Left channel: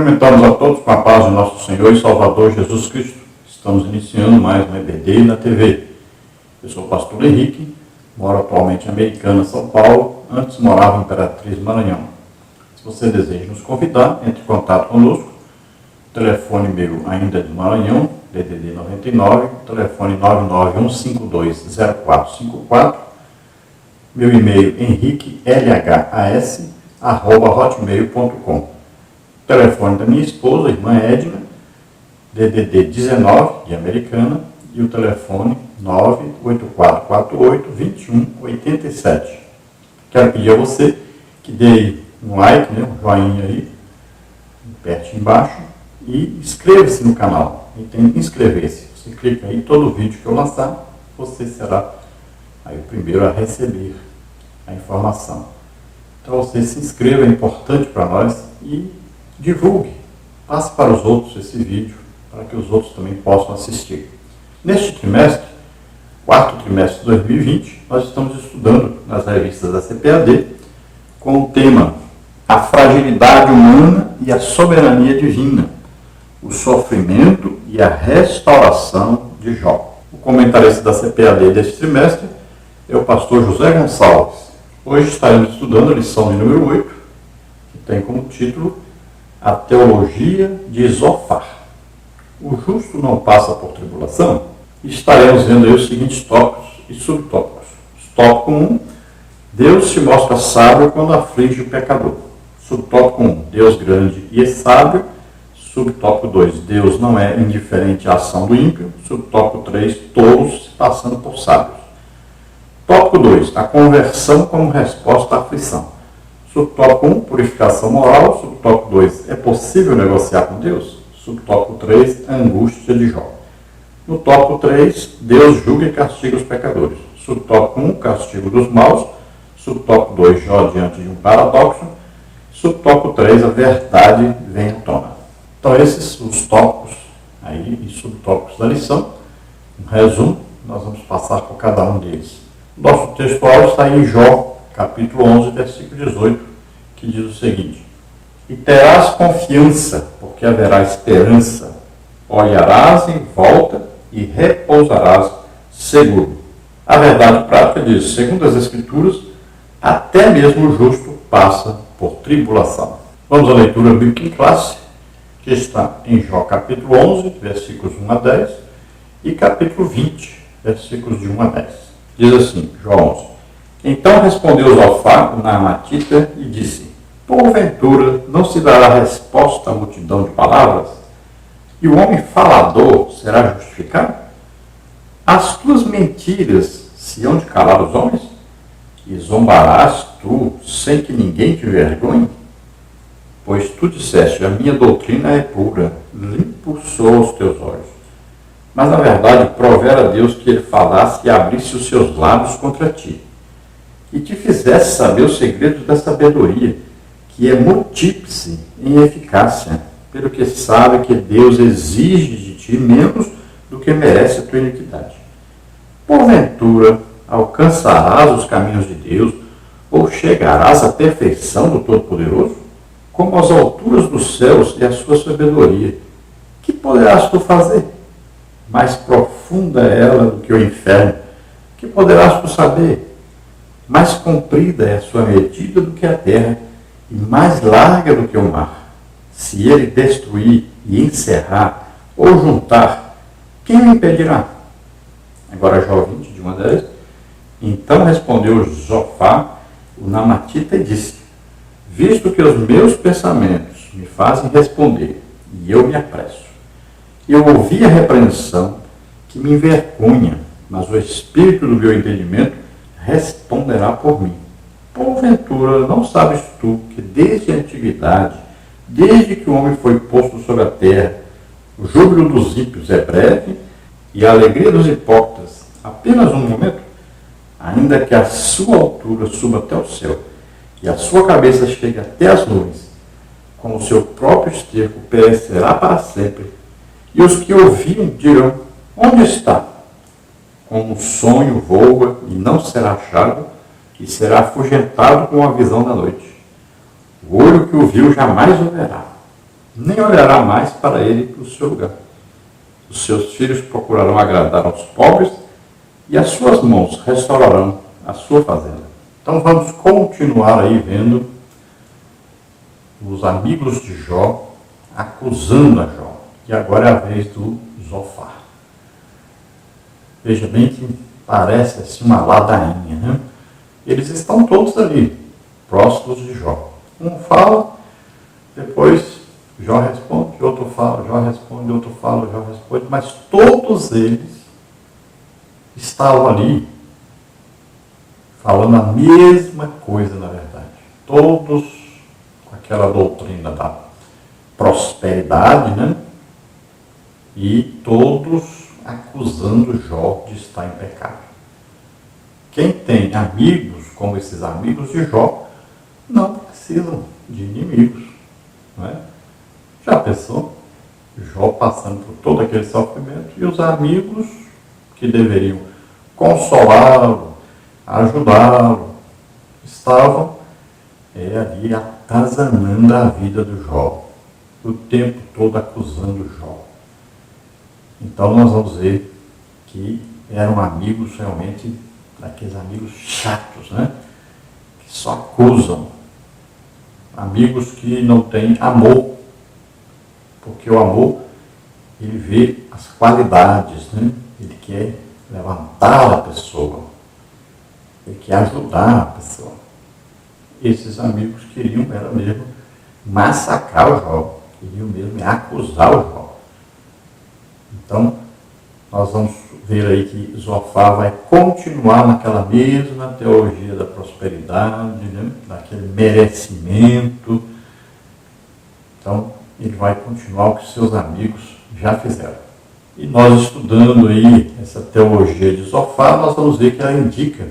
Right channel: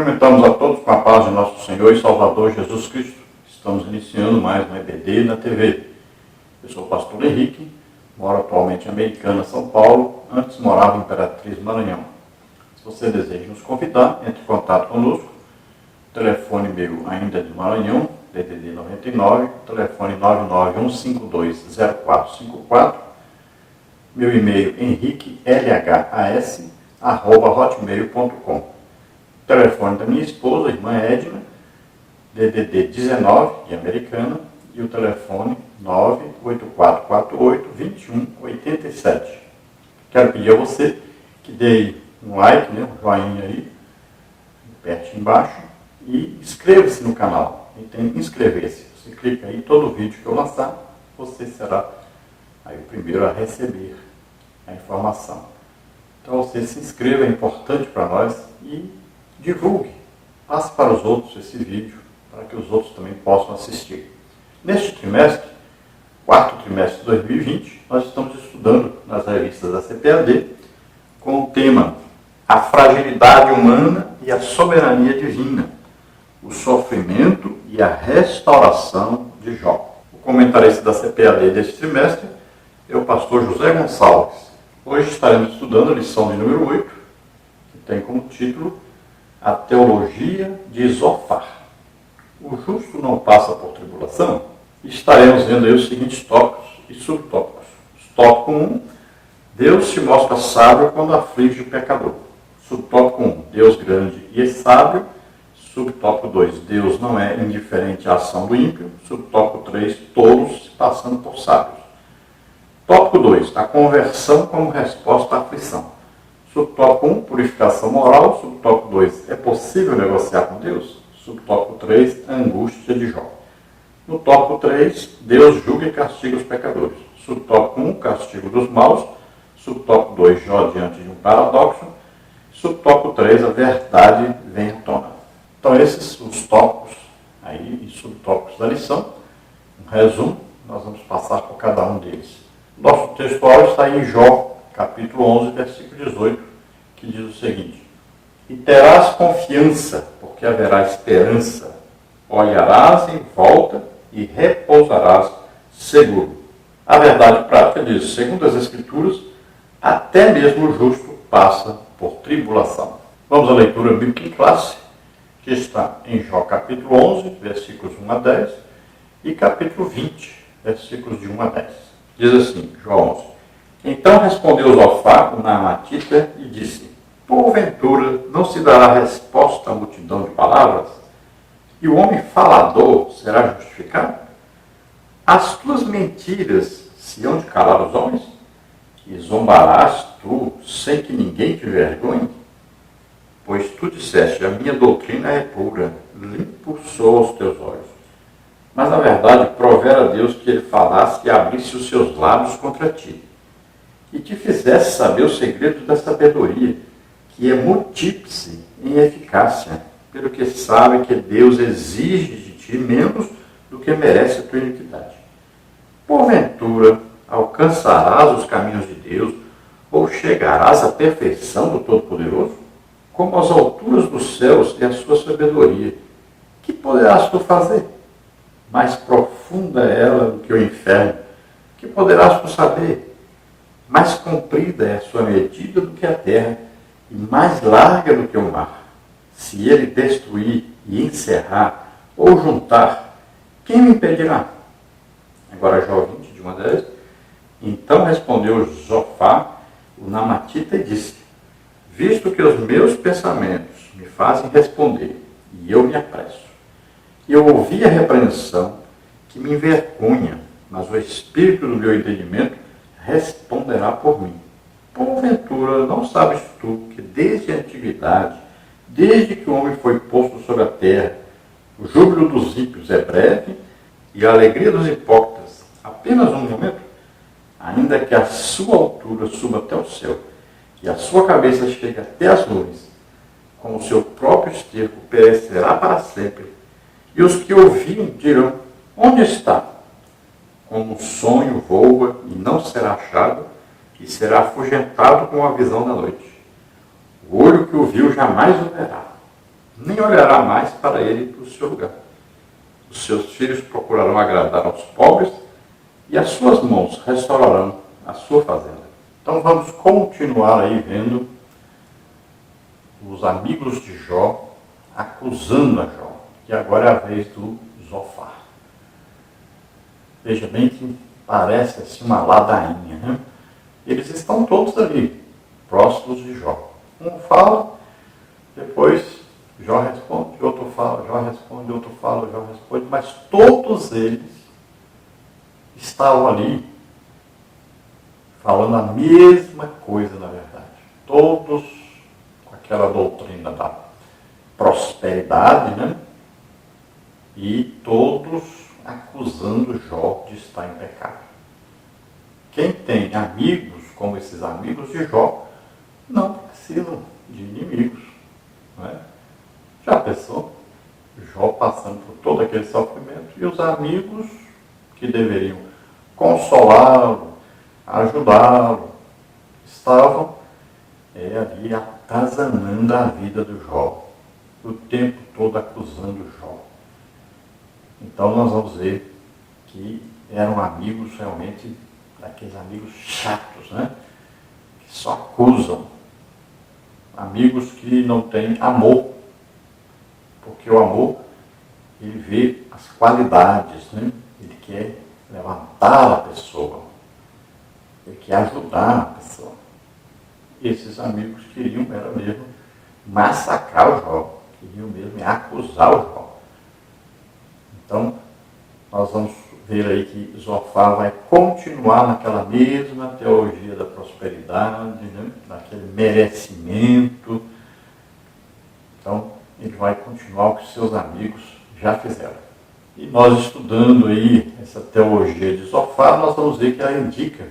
Cumprimentamos a todos com a paz de nosso Senhor e Salvador Jesus Cristo. Estamos iniciando mais um EBD na TV. Eu sou o pastor Henrique, moro atualmente em Americana, São Paulo. Antes morava em Imperatriz, Maranhão. Se você deseja nos convidar, entre em contato conosco. O telefone meu ainda é de Maranhão, DDD 99, telefone 991520454. Meu e-mail henriquelhas@hotmail.com. Telefone da minha esposa, irmã Edna, DDD 19, de Americana, e o telefone 98448-2187. Quero pedir a você que dê aí um like, um joinha aí, perto embaixo, e inscreva-se no canal. E tem inscrever-se. Você clica aí, todo vídeo que eu lançar, você será aí o primeiro a receber a informação. Então você se inscreva, é importante para nós, e divulgue, passe para os outros esse vídeo, para que os outros também possam assistir. Neste trimestre, quarto trimestre de 2020, nós estamos estudando nas revistas da CPAD com o tema A Fragilidade Humana e a Soberania Divina, o Sofrimento e a Restauração de Jó. O comentarista da CPAD deste trimestre é o pastor José Gonçalves. Hoje estaremos estudando a lição de número 8, que tem como título A Teologia de Zofar. O justo não passa por tribulação? Estaremos vendo aí os seguintes tópicos e subtópicos. Tópico 1, Deus se mostra sábio quando aflige o pecador. Subtópico 1, Deus grande e sábio. Subtópico 2, Deus não é indiferente à ação do ímpio. Subtópico 3, tolos se passando por sábios. Tópico 2, a conversão como resposta à aflição. Subtópico 1, purificação moral. Subtópico 2, é possível negociar com Deus? Subtópico 3, angústia de Jó. No tópico 3, Deus julga e castiga os pecadores. Subtópico 1, castigo dos maus. Subtópico 2, Jó diante de um paradoxo. Subtópico 3, a verdade vem à tona. Então esses são os tópicos aí e subtópicos da lição. Um resumo, nós vamos passar por cada um deles. Nosso textual está em Jó, capítulo 11, versículo 18, que diz o seguinte: E terás confiança, porque haverá esperança. Olharás em volta e repousarás seguro. A verdade prática diz, segundo as Escrituras, até mesmo o justo passa por tribulação. Vamos à leitura bíblica em classe, que está em Jó capítulo 11, versículos 1 a 10, e capítulo 20, versículos de 1 a 10. Diz assim, Jó 11. Então respondeu Zofar, o Naamatita, e disse: Porventura não se dará resposta à multidão de palavras? E o homem falador será justificado? As tuas mentiras se hão de calar os homens? E zombarás tu, sem que ninguém te vergonhe? Pois tu disseste, a minha doutrina é pura, limpo sou aos teus olhos. Mas, na verdade, provera a Deus que ele falasse e abrisse os seus lábios contra ti, e te fizesse saber os segredos da sabedoria, que é multíplice em eficácia, pelo que sabe que Deus exige de ti menos do que merece a tua iniquidade. Porventura, alcançarás os caminhos de Deus, ou chegarás à perfeição do Todo-Poderoso? Como as alturas dos céus e a sua sabedoria, que poderás tu fazer? Mais profunda é ela do que o inferno, que poderás tu saber? Mais comprida é a sua medida do que a terra, e mais larga do que o mar. Se ele destruir e encerrar, ou juntar, quem o impedirá? Agora Jó 20, de 1 a 10. Então respondeu Zofar, o Naamatita, e disse: Visto que os meus pensamentos me fazem responder, e eu me apresso, eu ouvi a repreensão que me envergonha, mas o espírito do meu entendimento responderá por mim. Porventura, não sabes tu que desde a antiguidade, desde que o homem foi posto sobre a terra, o júbilo dos ímpios é breve e a alegria dos hipócritas apenas um momento? Ainda que a sua altura suba até o céu e a sua cabeça chegue até as nuvens, com o seu próprio esterco perecerá para sempre. E os que ouvirem dirão: onde está? Como um sonho voa e não será achado, e será afugentado com a visão da noite. O olho que o viu jamais o verá, nem olhará mais para ele para o seu lugar. Os seus filhos procurarão agradar aos pobres e as suas mãos restaurarão a sua fazenda. Então vamos continuar aí vendo os amigos de Jó acusando a Jó. E agora é a vez do Zofar. Veja bem que parece assim uma ladainha, né? Eles estão todos ali, próximos de Jó. Um fala, depois Jó responde, outro fala, Jó responde, outro fala, Jó responde, mas todos eles estavam ali falando a mesma coisa, na verdade. Todos com aquela doutrina da prosperidade, né? E todos acusando Jó de estar em pecado. Quem tem amigos como esses amigos de Jó, não precisam de inimigos. Não é? Já pensou? Jó passando por todo aquele sofrimento e os amigos que deveriam consolá-lo, ajudá-lo, estavam ali atazanando a vida do Jó, o tempo todo acusando Jó. Então nós vamos ver que eram amigos realmente, daqueles amigos chatos, né? Que só acusam. Amigos que não têm amor, porque o amor, ele vê as qualidades, né? Ele quer levantar a pessoa, ele quer ajudar a pessoa. Esses amigos queriam mesmo massacrar o Jó, queriam mesmo acusar o Jó. Então, nós vamos ver aí que Zofar vai continuar naquela mesma teologia da prosperidade, né? Daquele merecimento. Então, ele vai continuar o que seus amigos já fizeram. E nós estudando aí essa teologia de Zofar, nós vamos ver que ela indica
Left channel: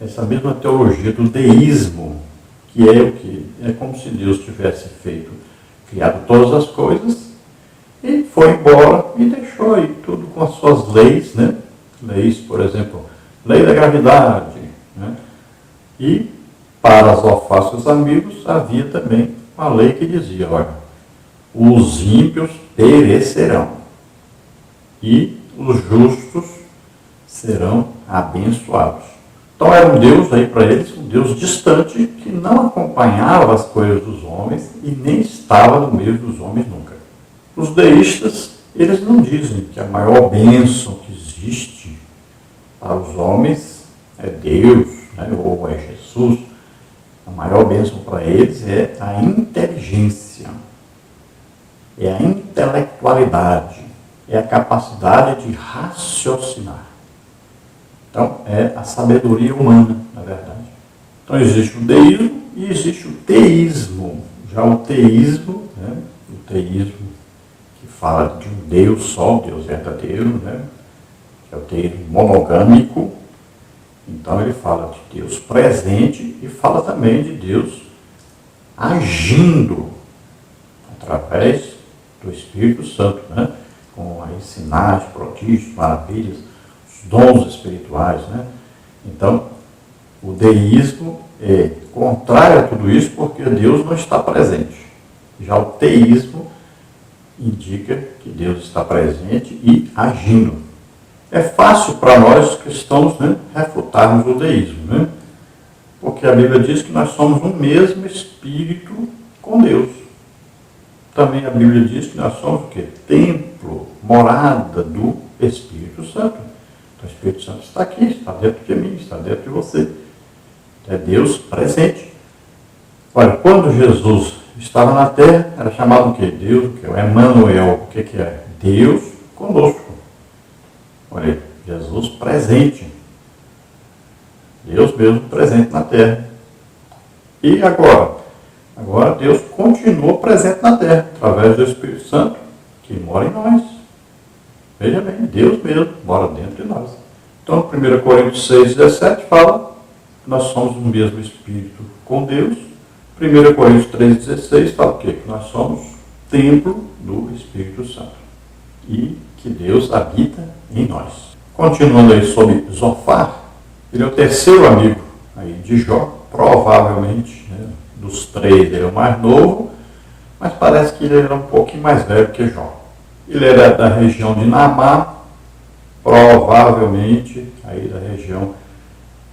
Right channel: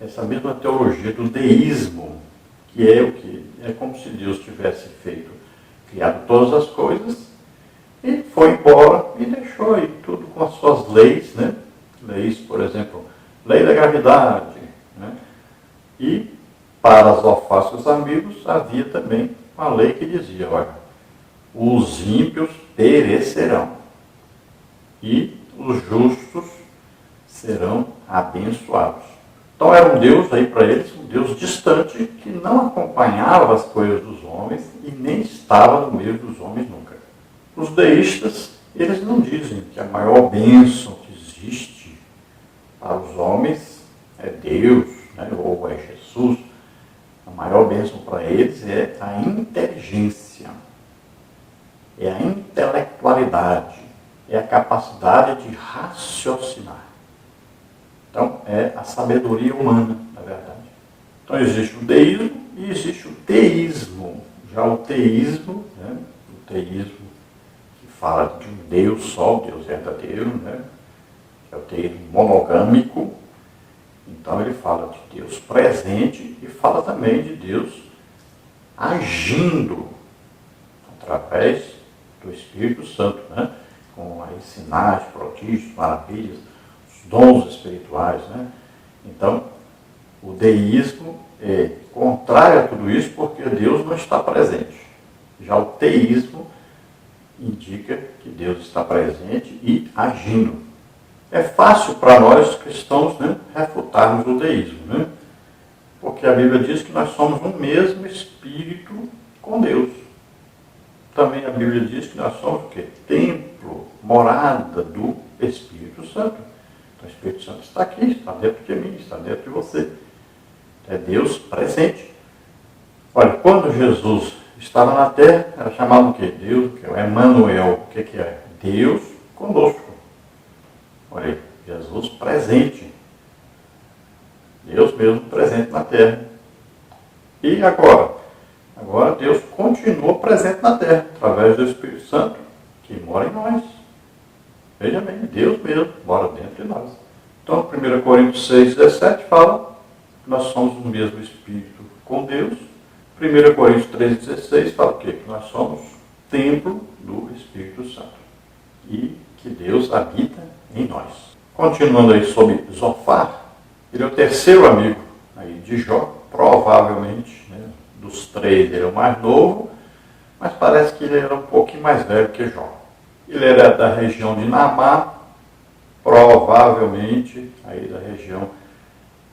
essa mesma teologia do deísmo, que é o que? É como se Deus tivesse criado todas as coisas, e foi embora e deixou aí tudo com as suas leis, né? Leis, por exemplo, lei da gravidade, né? E para Zofar, seus amigos, havia também uma lei que dizia, olha, os ímpios perecerão e os justos serão abençoados. Então era um Deus aí para eles, um Deus distante, que não acompanhava as coisas dos homens e nem estava no meio dos homens nunca. Os deístas, eles não dizem que a maior bênção que existe para os homens é Deus, né, ou é Jesus. A maior bênção para eles é a inteligência, é a intelectualidade, é a capacidade de raciocinar. Então, é a sabedoria humana, na verdade. Então, existe o deísmo e existe o teísmo. Já o teísmo, né, o teísmo que fala de um Deus só, Deus verdadeiro, né, que é o teísmo monogâmico. Então, ele fala de Deus presente e fala também de Deus agindo através do Espírito Santo, né, com aí sinais, prodígios, maravilhas, os dons espirituais, né? Então, o deísmo é contrário a tudo isso porque Deus não está presente. Já o teísmo indica que Deus está presente e agindo. É fácil para nós cristãos, né, refutarmos o deísmo, né? Porque a Bíblia diz que nós somos um mesmo Espírito com Deus. Também a Bíblia diz que nós somos o quê? Templo, morada do Espírito Santo. Então o Espírito Santo está aqui, está dentro de mim, está dentro de você. É Deus presente. Olha, quando Jesus estava na terra, era chamado o quê? Deus, o quê? O Emmanuel. O que é? Deus conosco. Olha aí, Jesus presente. Deus mesmo presente na terra. E agora? Agora Deus continua presente na terra, através do Espírito Santo, que mora em nós. Veja bem, Deus mesmo mora dentro de nós. Então, 1 Coríntios 6,17 fala que nós somos o mesmo Espírito com Deus. 1 Coríntios 3,16 fala o quê? Que nós somos templo do Espírito Santo. E que Deus habita em nós. Continuando aí sobre Zofar, ele é o terceiro amigo aí de Jó, provavelmente, né, dos três ele é o mais novo, mas parece que ele era um pouquinho mais velho que Jó. Ele era da região de Naamá, provavelmente aí da região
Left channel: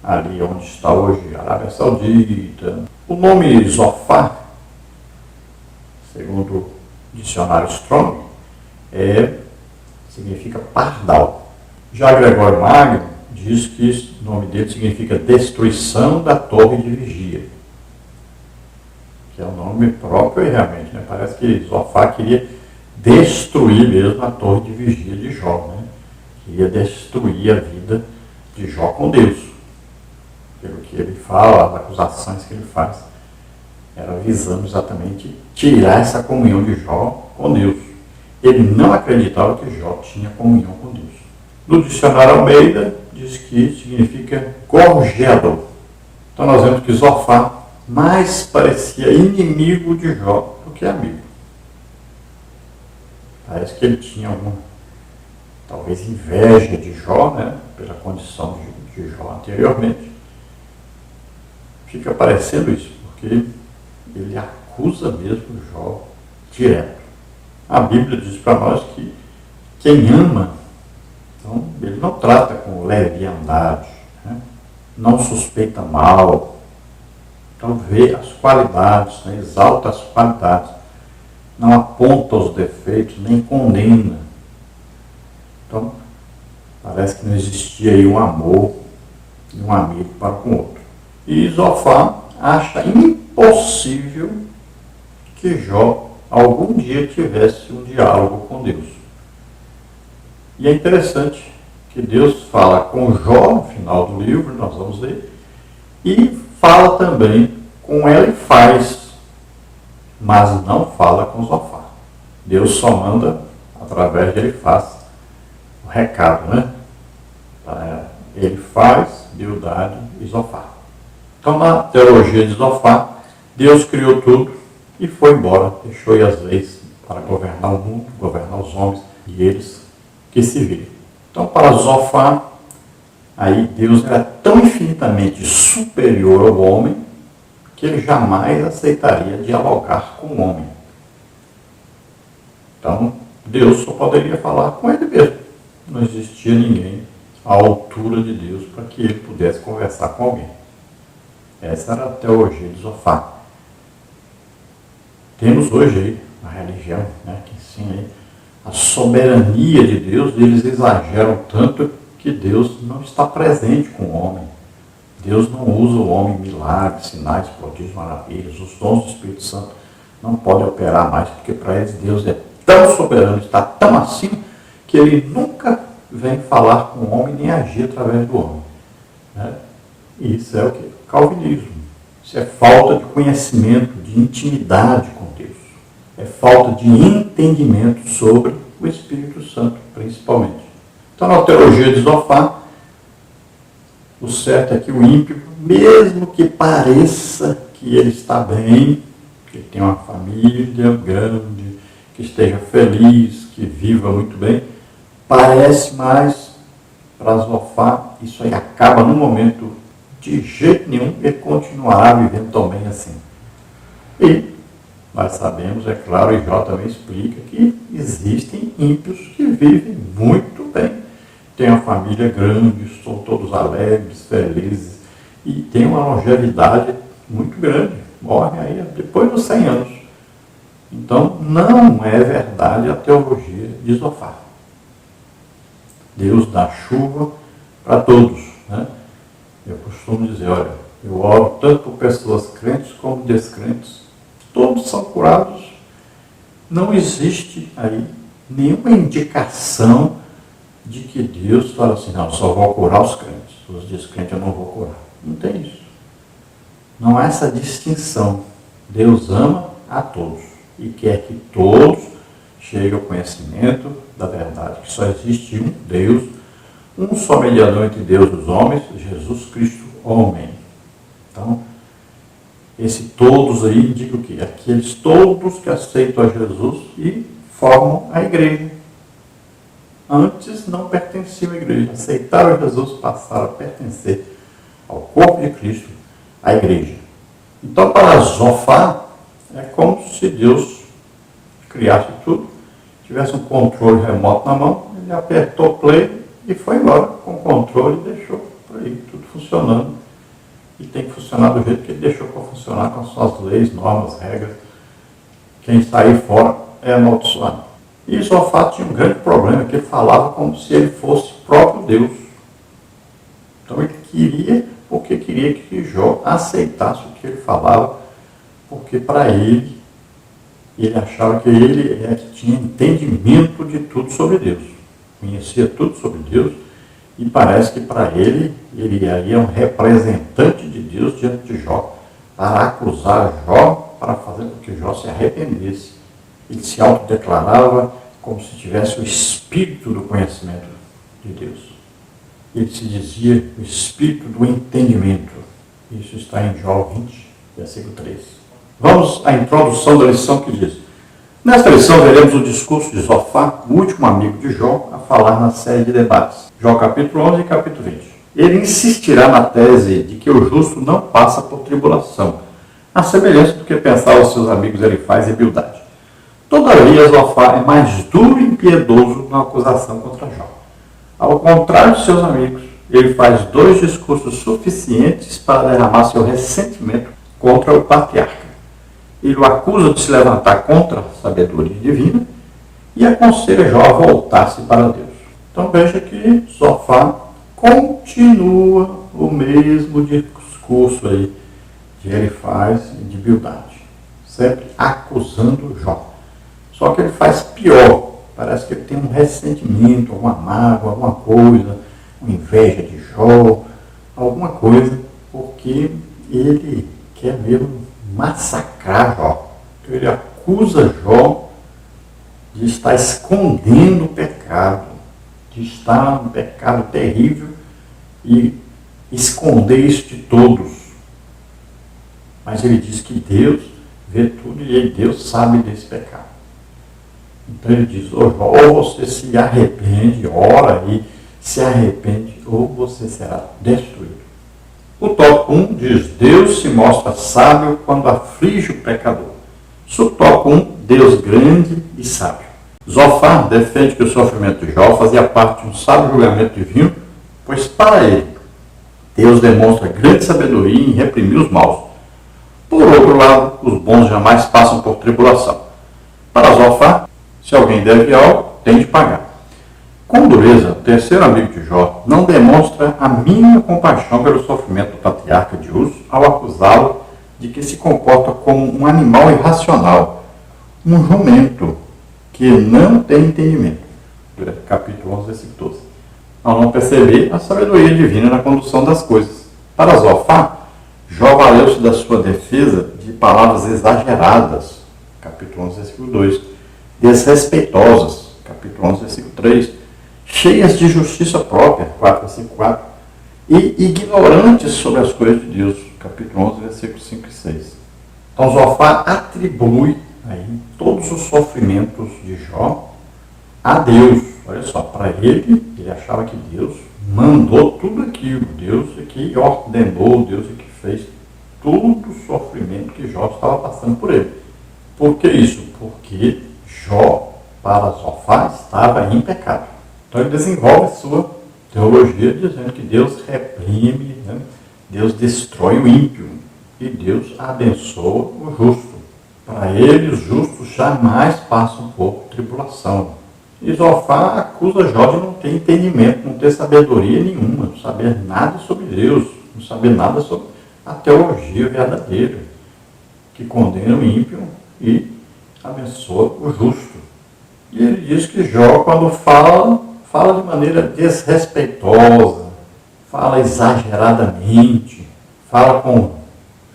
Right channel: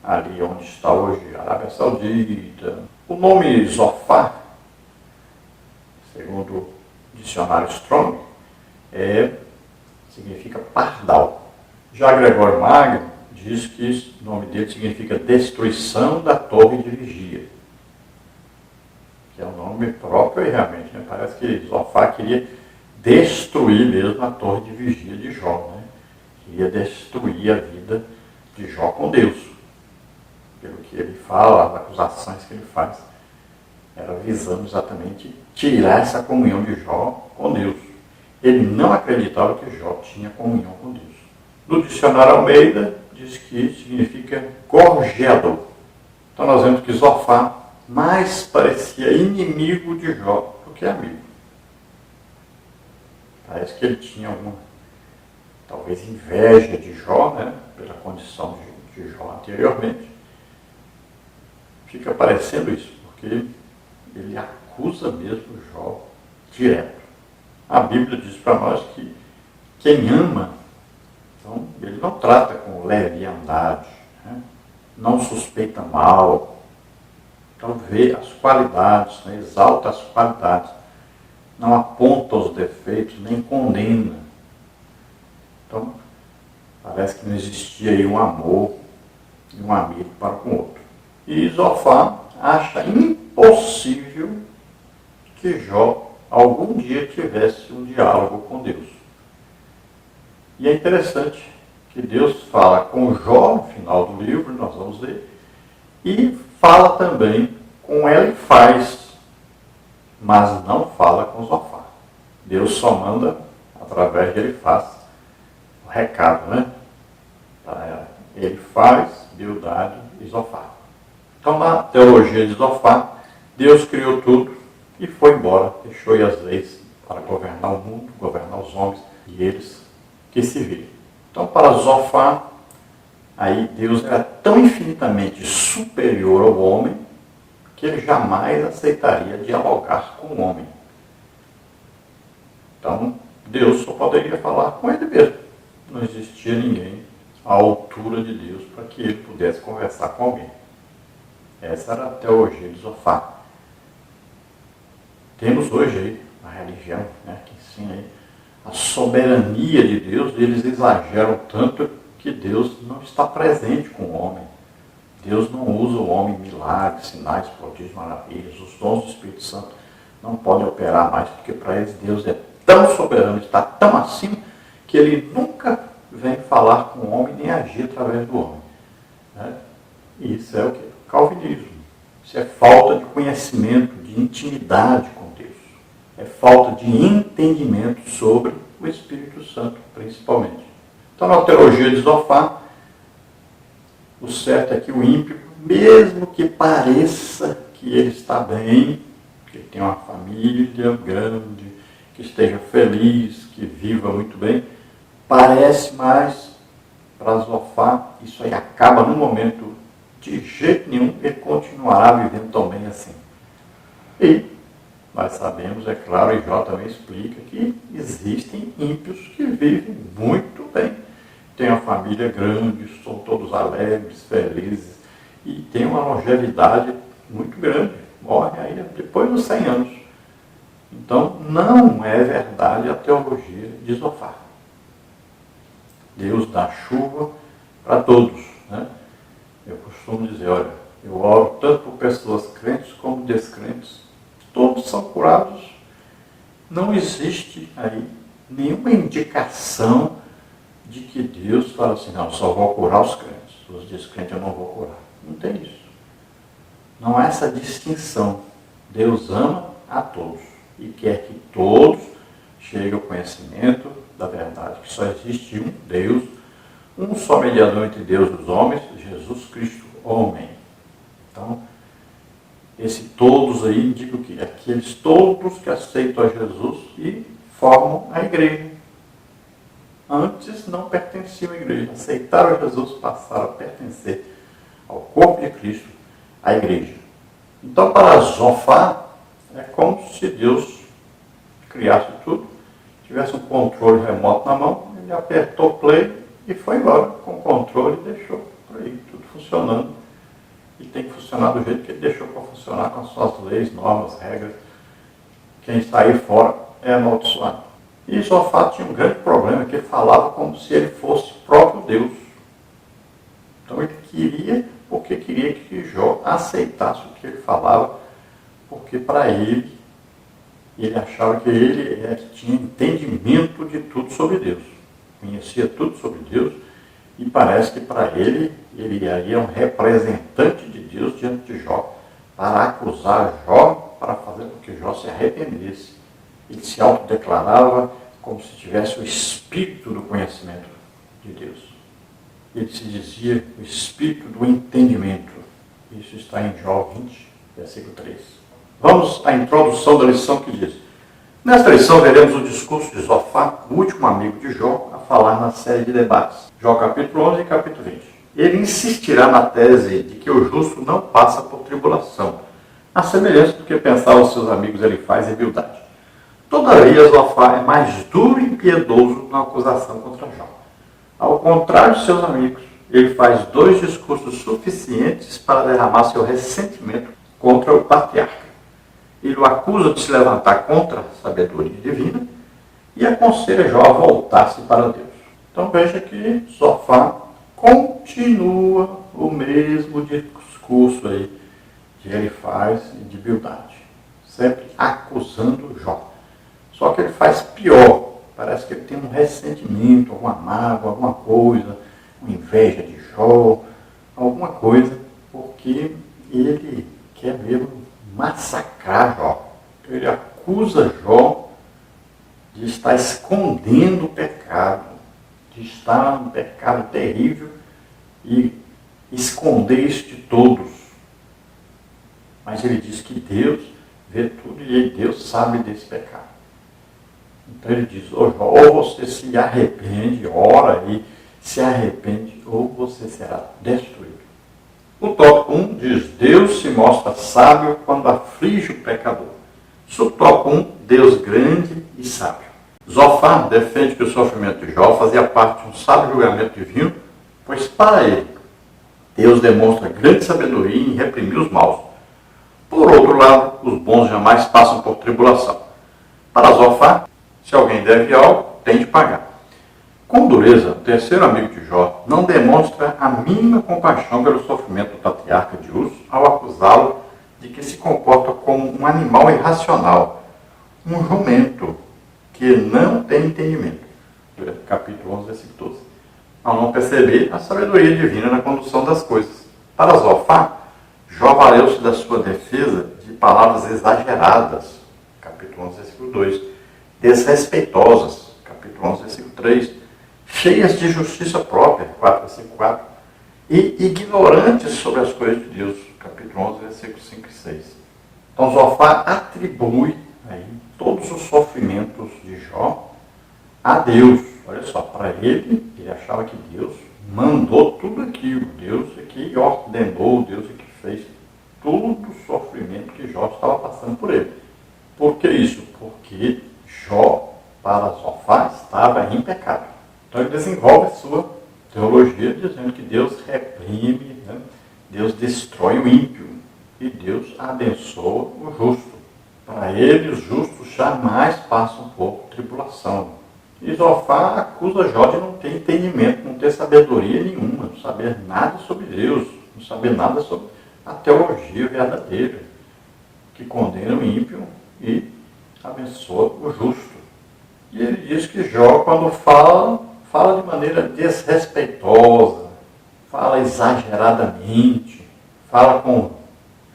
ali onde está hoje a Arábia Saudita. O nome Zofar, segundo o dicionário Strong, significa pardal. Já Gregório Magno diz que o nome dele significa destruição da torre de vigia, que é um nome próprio e realmente, né? Parece que Zofar queria destruir mesmo a torre de vigia de Jó, né? Queria destruir a vida de Jó com Deus. Pelo que ele fala, as acusações que ele faz, era visando exatamente tirar essa comunhão de Jó com Deus. Ele não acreditava que Jó tinha comunhão com Deus. No dicionário Almeida, diz que significa gorjeador. Então nós vemos que Zofar mais parecia inimigo de Jó do que amigo. Parece que ele tinha talvez inveja de Jó, né, pela condição de Jó anteriormente. Fica parecendo isso, porque ele acusa mesmo Jó direto. A Bíblia diz para nós que quem ama, então, ele não trata com leviandade, né? Não suspeita mal, então vê as qualidades, né? Exalta as qualidades, não aponta os defeitos, nem condena. Então, parece que não existia aí um amor e um amigo para com o outro. E Zofar acha impossível que Jó algum dia tivesse um diálogo com Deus. E é interessante que Deus fala com Jó no final do livro, nós vamos ler, e fala também com Elifaz, mas não fala com Zofar. Deus só manda através de Elifaz o recado, né? Para Elifaz, Bildade e Zofar. Então, na teologia de Zofar, Deus criou tudo e foi embora, deixou aí as leis para governar o mundo, governar os homens, e eles que se virem. Então, para Zofar, aí Deus era tão infinitamente superior ao homem que ele jamais aceitaria dialogar com o homem. Então, Deus só poderia falar com ele mesmo. Não existia ninguém à altura de Deus para que ele pudesse conversar com alguém. Essa era a teologia de Zofar. Temos hoje aí a religião, né, que ensina aí a soberania de Deus, e eles exageram tanto que Deus não está presente com o homem. Deus não usa o homem em milagres, sinais, prodígios, maravilhas. Os dons do Espírito Santo não podem operar mais, porque para eles Deus é tão soberano, está tão acima, que ele nunca vem falar com o homem nem agir através do homem. Né? E isso é o quê? Calvinismo. Isso é falta de conhecimento, de intimidade com Deus. É falta de entendimento sobre o Espírito Santo, principalmente. Então, na teologia de Zofar, o certo é que o ímpio, mesmo que pareça que ele está bem, que ele tem uma família grande, que esteja feliz, que viva muito bem, parece mais para Zofar, isso aí acaba no momento, de jeito nenhum, ele continuará vivendo também assim. E nós sabemos, é claro, e Jó também explica, que existem ímpios que vivem muito bem. Têm uma família grande, são todos alegres, felizes, e têm uma longevidade muito grande. Morrem aí depois dos 100 anos. Então, não é verdade a teologia de Zofar. Deus dá chuva para todos, né? Eu costumo dizer, olha, eu oro tanto por pessoas crentes como descrentes. Todos são curados. Não existe aí nenhuma indicação de que Deus fala assim, não, só vou curar os crentes. Os descrentes eu não vou curar. Não tem isso. Não há essa distinção. Deus ama a todos e quer que todos cheguem ao conhecimento da verdade, que só existe um Deus, um só mediador entre Deus e os homens, Jesus Cristo, homem. Então, esse todos aí indica o quê? Aqueles todos que aceitam a Jesus e formam a igreja. Antes não pertenciam à igreja. Aceitaram a Jesus, passaram a pertencer ao corpo de Cristo, à igreja. Então, para Zofar, é como se Deus criasse tudo, tivesse um controle remoto na mão, ele apertou play e foi embora com o controle e deixou por aí tudo funcionando. E tem que funcionar do jeito que ele deixou para funcionar, com as suas leis, normas, regras. Quem sair fora é amaldiçoado. E Josafá tinha um grande problema, que ele falava como se ele fosse o próprio Deus. Então ele queria, porque queria que Jó aceitasse o que ele falava, porque para ele achava que ele é que tinha entendimento de tudo sobre Deus. Conhecia tudo sobre Deus, e parece que para ele era um representante de Deus diante de Jó, para acusar Jó, para fazer com que Jó se arrependesse. Ele se autodeclarava como se tivesse o espírito do conhecimento de Deus. Ele se dizia o espírito do entendimento. Isso está em Jó 20, versículo 3. Vamos à introdução da lição que diz: nesta lição veremos o discurso de Josafá, o último amigo de Jó, a falar na série de debates. Jó capítulo 11 e capítulo 20. Ele insistirá na tese de que o justo não passa por tribulação, a semelhança do que pensavam seus amigos Elifaz e Bildade. Todavia, Josafá é mais duro e impiedoso na acusação contra Jó. Ao contrário de seus amigos, ele faz 2 discursos suficientes para derramar seu ressentimento contra o patriarca. Ele o acusa de se levantar contra a sabedoria divina e aconselha Jó a voltar-se para Deus. Então veja que Josafá continua o mesmo discurso aí de Elifaz e de Bildade, sempre acusando Jó. Só que ele faz pior. Parece que ele tem um ressentimento, alguma mágoa, alguma coisa, uma inveja de Jó, alguma coisa, porque ele quer mesmo massacrar Jó. Então ele acusa Jó de estar escondendo o pecado, de estar um pecado terrível e esconder isso de todos. Mas ele diz que Deus vê tudo e Deus sabe desse pecado. Então ele diz: ou você se arrepende, ora e se arrepende, ou você será destruído. O tópico 1 diz: Deus se mostra sábio quando aflige o pecador. Subtópico 1, Deus grande e sábio. Josafá defende que o sofrimento de Jó fazia parte de um sábio julgamento divino, pois para ele, Deus demonstra grande sabedoria em reprimir os maus. Por outro lado, os bons jamais passam por tribulação. Para Josafá, se alguém deve algo, tem de pagar. Com dureza, o terceiro amigo de Jó não demonstra a mínima compaixão pelo sofrimento do patriarca de Uz ao acusá-lo de que se comporta como um animal irracional, um jumento que não tem entendimento. Capítulo 11, versículo 12. Ao não perceber a sabedoria divina na condução das coisas. Para Josafá, Jó valeu-se da sua defesa de palavras exageradas. Capítulo 11, versículo 2. Desrespeitosas, capítulo 11, versículo 3, cheias de justiça própria, 4, versículo 4, e ignorantes sobre as coisas de Deus, capítulo 11, versículos 5 e 6. Então, Josafá atribui aí todos os sofrimentos de Jó a Deus. Olha só, para ele achava que Deus mandou tudo aquilo, Deus é que ordenou, Deus é que fez todo o sofrimento que Jó estava passando por ele. Por que isso? Porque Jó, para Josafá, estava em pecado. Então ele desenvolve sua teologia dizendo que Deus reprime, Deus destrói o ímpio e Deus abençoa o justo. Para ele, os justos jamais passam por tribulação. E Josafá acusa Jó de não ter entendimento, não ter sabedoria nenhuma, não saber nada sobre Deus, não saber nada sobre a teologia verdadeira, que condena o ímpio e abençoa o justo. E ele diz que Jó, quando fala de maneira desrespeitosa, fala exageradamente, fala com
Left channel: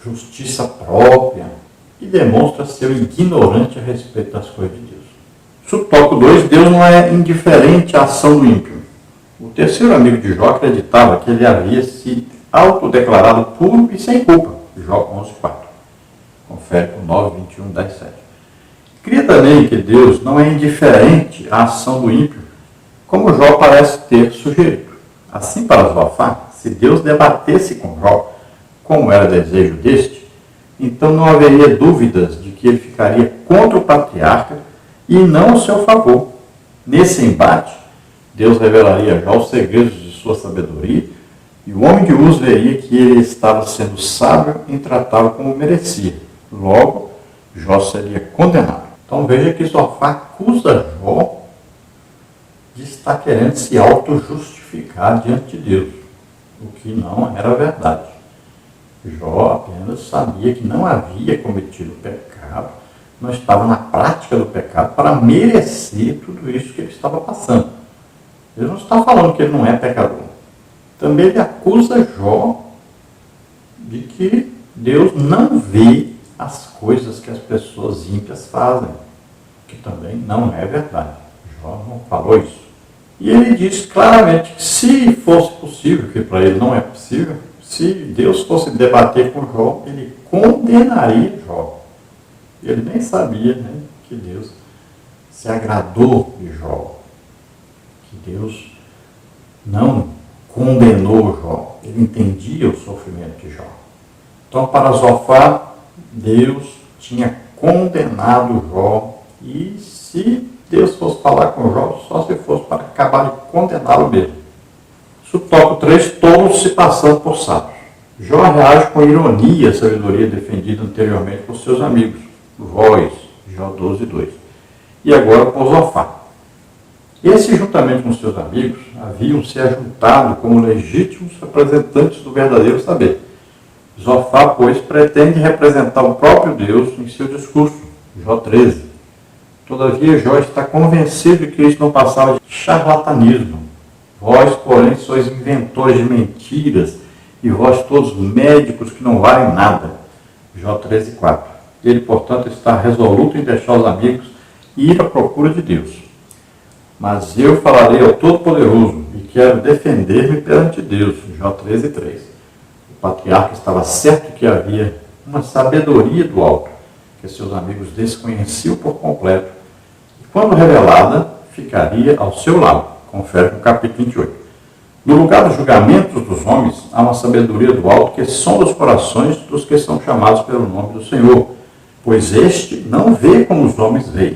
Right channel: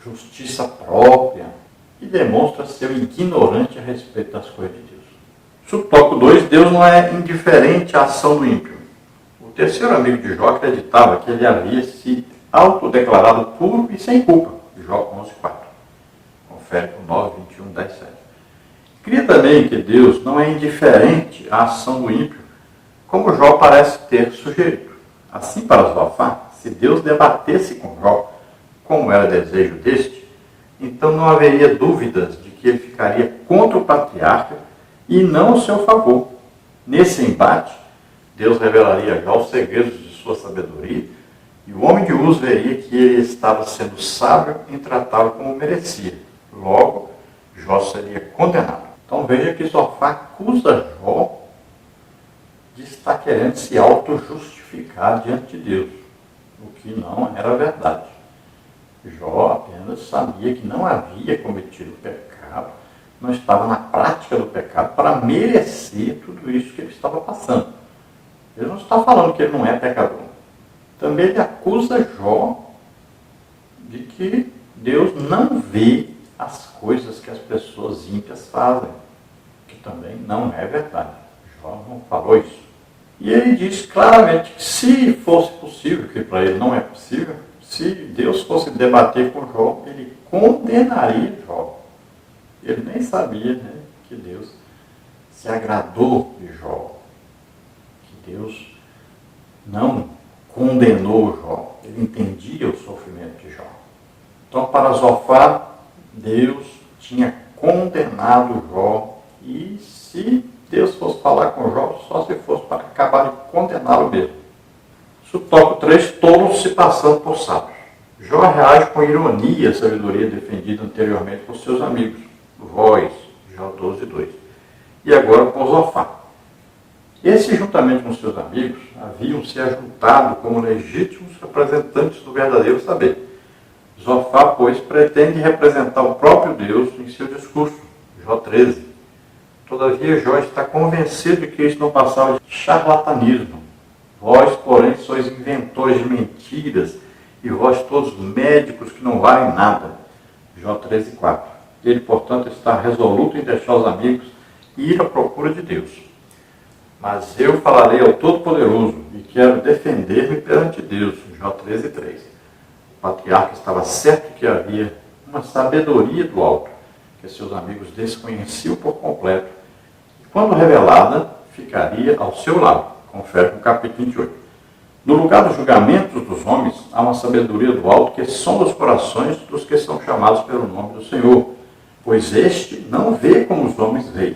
justiça própria e demonstra ser ignorante a respeito das coisas de Deus. Subtópico 2, Deus não é indiferente à ação do ímpio. O terceiro amigo de Jó acreditava que ele havia se autodeclarado puro e sem culpa. Jó 11:4. Confere com 9, 21, 10, 7. Cria também que Deus não é indiferente à ação do ímpio, como Jó parece ter sugerido. Assim, para Josafá, se Deus debatesse com Jó, como era desejo deste, então não haveria dúvidas de que ele ficaria contra o patriarca e não ao seu favor. Nesse embate, Deus revelaria já os segredos de sua sabedoria, e o homem de Uz veria que ele estava sendo sábio em tratá-lo como merecia. Logo, Jó seria condenado. Então veja que Zofar acusa Jó de estar querendo se auto-justificar diante de Deus, o que não era verdade. Jó apenas sabia que não havia cometido pecado, não estava na prática do pecado para merecer tudo isso que ele estava passando. Ele não está falando que ele não é pecador. Também ele acusa Jó de que Deus não vê as coisas que as pessoas ímpias fazem, que também não é verdade. Jó não falou isso. E ele diz claramente que se fosse possível, que para ele não é possível, se Deus fosse debater com Jó, ele condenaria Jó. Ele nem sabia, né, que Deus se agradou de Jó, que Deus não condenou Jó. Ele entendia o sofrimento de Jó. Então, para Zofar, Deus tinha condenado Jó, e se Deus fosse falar com Jó, só se fosse para acabar de condená-lo mesmo. Tópico 3, tolos se passando por sábios. Jó reage com ironia à sabedoria defendida anteriormente por seus amigos, voz, Jó 12:2. E agora por Zofar. Esses, juntamente com seus amigos, haviam se ajuntado como legítimos representantes do verdadeiro saber. Zofar, pois, pretende representar o próprio Deus em seu discurso, Jó 13. Todavia, Jó está convencido de que isso não passava de charlatanismo. Vós, porém, sois inventores de mentiras, e vós todos médicos que não valem nada. Jó 13:4. Ele, portanto, está resoluto em deixar os amigos e ir à procura de Deus. Mas eu falarei ao Todo-Poderoso e quero defender-me perante Deus. Jó 13:3. O patriarca estava certo que havia uma sabedoria do alto, que seus amigos desconheciam por completo, e quando revelada, ficaria ao seu lado. Confere no capítulo 28. No lugar dos julgamentos dos homens, há uma sabedoria do alto que sonda os corações dos que são chamados pelo nome do Senhor, pois este não vê como os homens veem.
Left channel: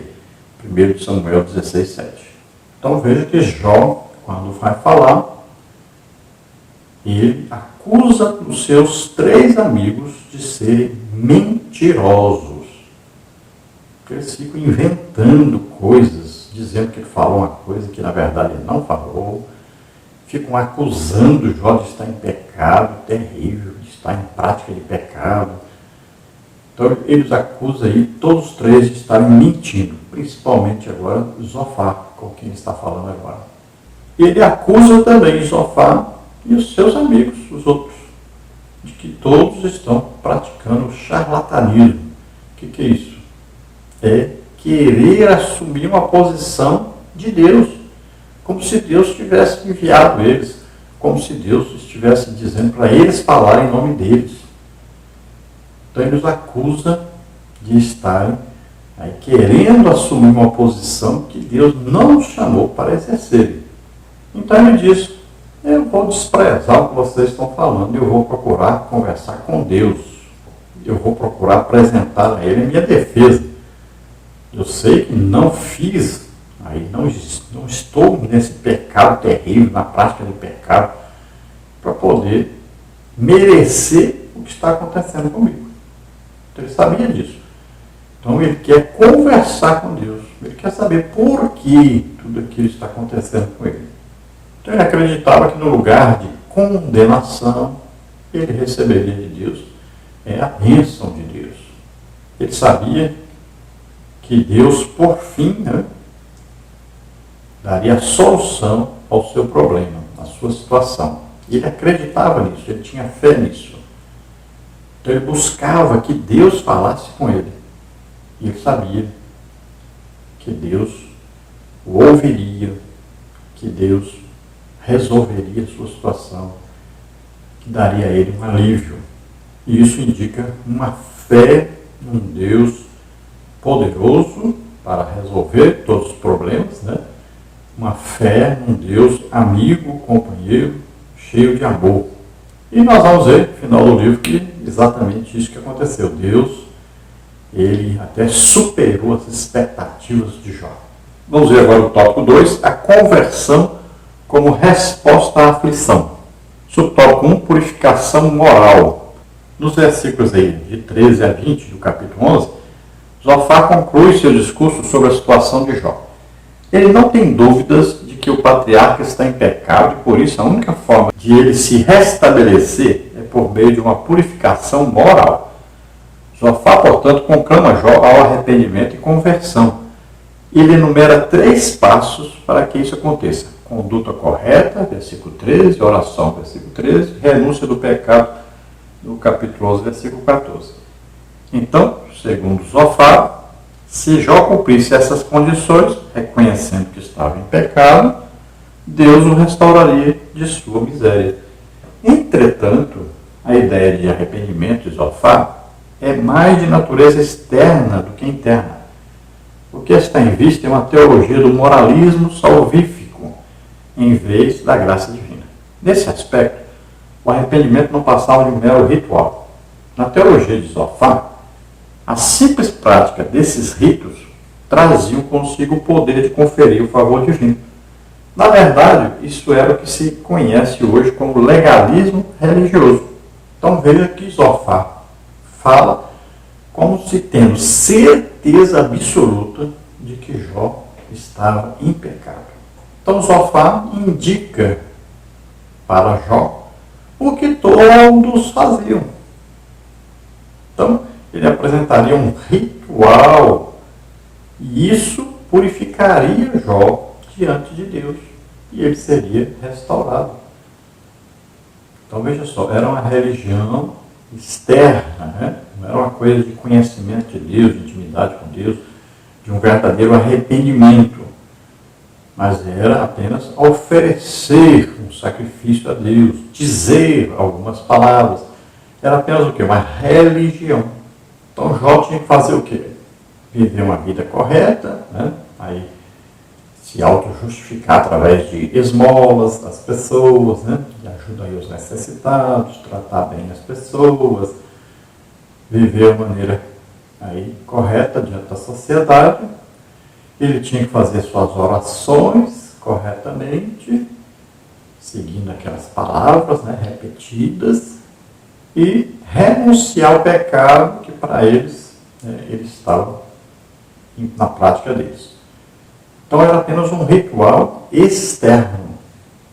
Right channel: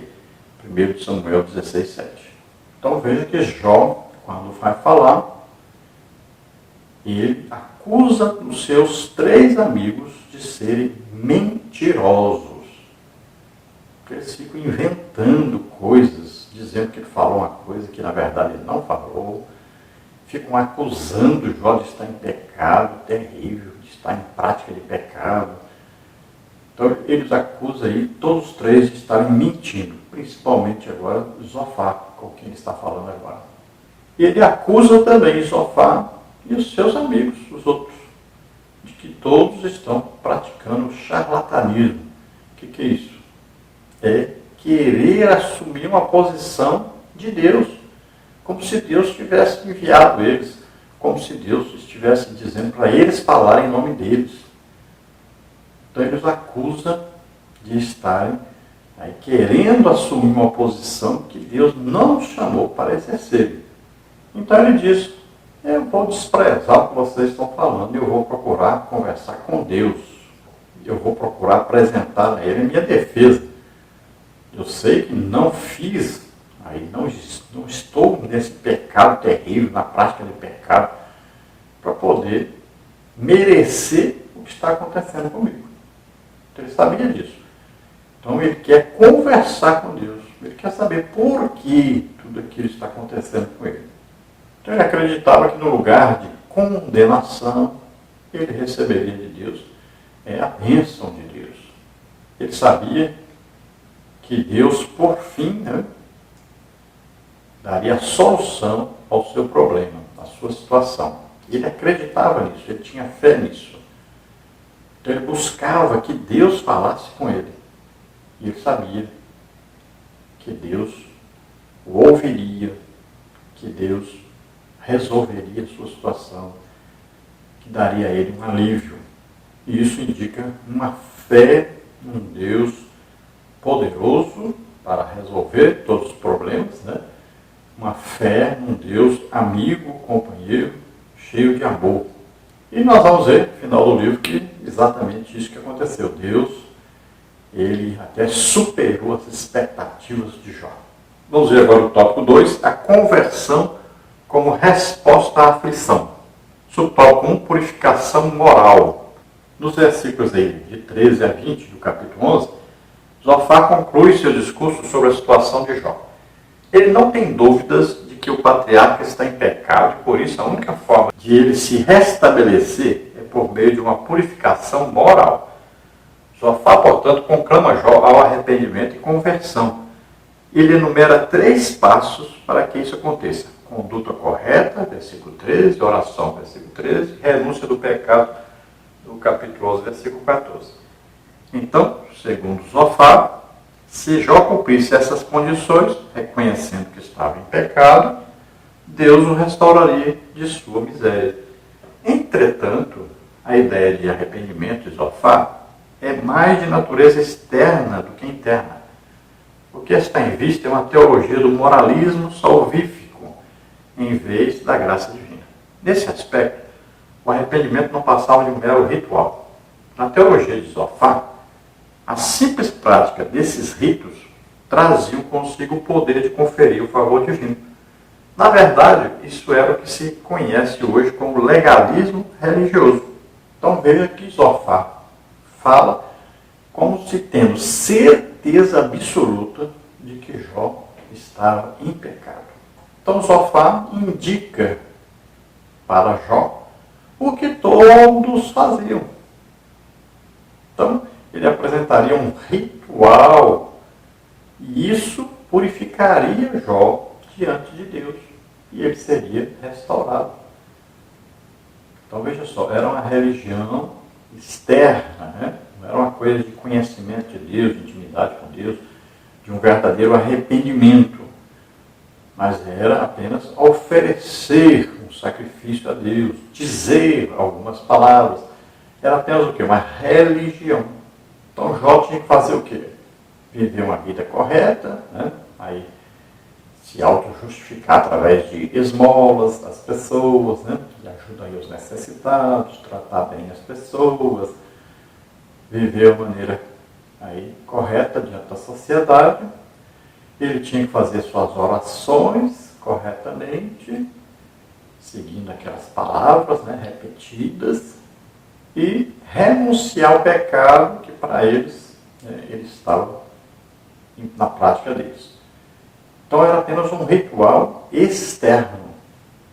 1 Samuel 16:7. Então veja que Jó, quando vai falar, ele acusa os seus 3 amigos de serem mentirosos. Porque eles ficam inventando coisas, dizendo que ele falou uma coisa que na verdade ele não falou. Ficam acusando Jó de estar em pecado terrível, de estar em prática de pecado. Então eles acusam aí todos os 3 de estarem mentindo, principalmente agora Zofar, com quem ele está falando agora. E ele acusa também Zofar e os seus amigos, os outros, de que todos estão praticando charlatanismo. O que é isso? É querer assumir uma posição de Deus, como se Deus tivesse enviado eles, como se Deus estivesse dizendo para eles falarem em nome deles. Então ele os acusa de estarem aí querendo assumir uma posição que Deus não os chamou para exercerem. Então ele diz: eu vou desprezar o que vocês estão falando, eu vou procurar conversar com Deus, eu vou procurar apresentar a Ele a minha defesa. Eu sei que não fiz, aí não estou nesse pecado terrível, na prática de pecado, para poder merecer o que está acontecendo comigo. Então ele sabia disso. Então ele quer conversar com Deus, ele quer saber por que tudo aquilo está acontecendo com ele. Então ele acreditava que no lugar de condenação, ele receberia de Deus a bênção de Deus. Ele sabia que Deus, por fim, daria a solução ao seu problema, à sua situação. Ele acreditava nisso, ele tinha fé nisso. Então ele buscava que Deus falasse com ele. E ele sabia que Deus o ouviria, que Deus resolveria a sua situação, que daria a ele um alívio. E isso indica uma fé num Deus poderoso para resolver todos os problemas, Uma fé num Deus amigo, companheiro, cheio de amor. E nós vamos ver, no final do livro, que exatamente isso que aconteceu. Deus Ele até superou as expectativas de Jó. Vamos ver agora o tópico 2, a conversão como resposta à aflição. Subtópico 1, purificação moral. Nos versículos aí de 13 a 20 do capítulo 11, Zofar conclui seu discurso sobre a situação de Jó. Ele não tem dúvidas de que o patriarca está em pecado e, por isso, a única forma de ele se restabelecer é por meio de uma purificação moral. Zofar, portanto, conclama Jó ao arrependimento e conversão. Ele enumera 3 passos para que isso aconteça. Conduta correta, versículo 13, oração, versículo 13, renúncia do pecado, no capítulo 11, versículo 14. Então, segundo Zofar, se Jó cumprisse essas condições, reconhecendo que estava em pecado, Deus o restauraria de sua miséria. Entretanto, a ideia de arrependimento de Zofar é mais de natureza externa do que interna. O que está em vista é uma teologia do moralismo salvífico, em vez da graça divina. Nesse aspecto, o arrependimento não passava de um mero ritual. Na teologia de Zofar, a simples prática desses ritos traziam consigo o poder de conferir o favor divino. Na verdade, isso era o que se conhece hoje como legalismo religioso. Então veja que Zofar fala como se tendo certeza absoluta de que Jó estava em pecado. Então Zofar indica para Jó o que todos faziam. Então, ele apresentaria um ritual e isso purificaria Jó diante de Deus e ele seria restaurado. Então veja só, era uma religião externa, né? Não era uma coisa de conhecimento de Deus, de intimidade com Deus, de um verdadeiro arrependimento, mas era apenas oferecer um sacrifício a Deus, dizer algumas palavras. Era apenas o quê? Uma religião. Então Jó tinha que fazer o quê? Viver uma vida correta, né? Aí se auto-justificar através de esmolas das pessoas, né? De ajuda aí os necessitados, tratar bem as pessoas, viver de maneira aí correta diante da sociedade. Ele tinha que fazer suas orações corretamente, seguindo aquelas palavras, né, repetidas, e renunciar ao pecado que para eles, eles estavam na prática deles. Então era apenas um ritual externo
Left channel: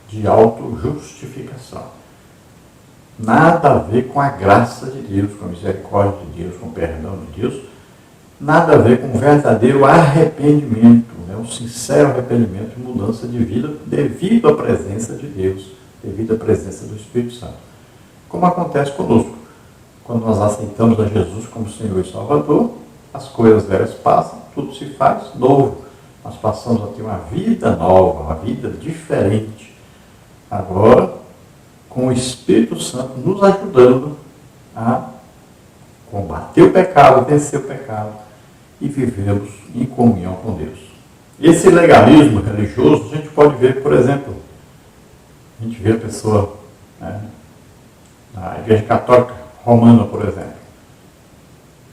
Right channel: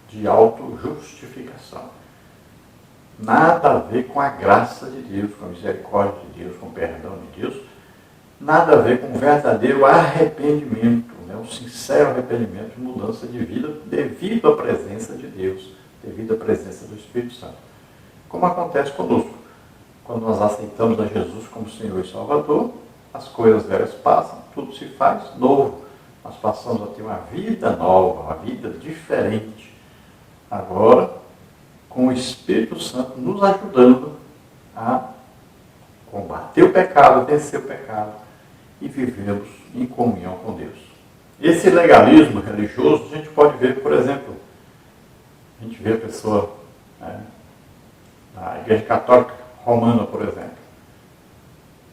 de auto-justificação. Nada a ver com a graça de Deus, com a misericórdia de Deus, com o perdão de Deus. Nada a ver com um verdadeiro arrependimento, né? Um sincero arrependimento e mudança de vida devido à presença de Deus, devido à presença do Espírito Santo. Como acontece conosco. Quando nós aceitamos a Jesus como Senhor e Salvador, as coisas velhas passam, tudo se faz novo. Nós passamos a ter uma vida nova, uma vida diferente. Agora, com o Espírito Santo nos ajudando a combater o pecado, vencer o pecado e vivermos em comunhão com Deus. Esse legalismo religioso a gente pode ver, por exemplo, a gente vê a pessoa, né, na Igreja Católica Romana, por exemplo.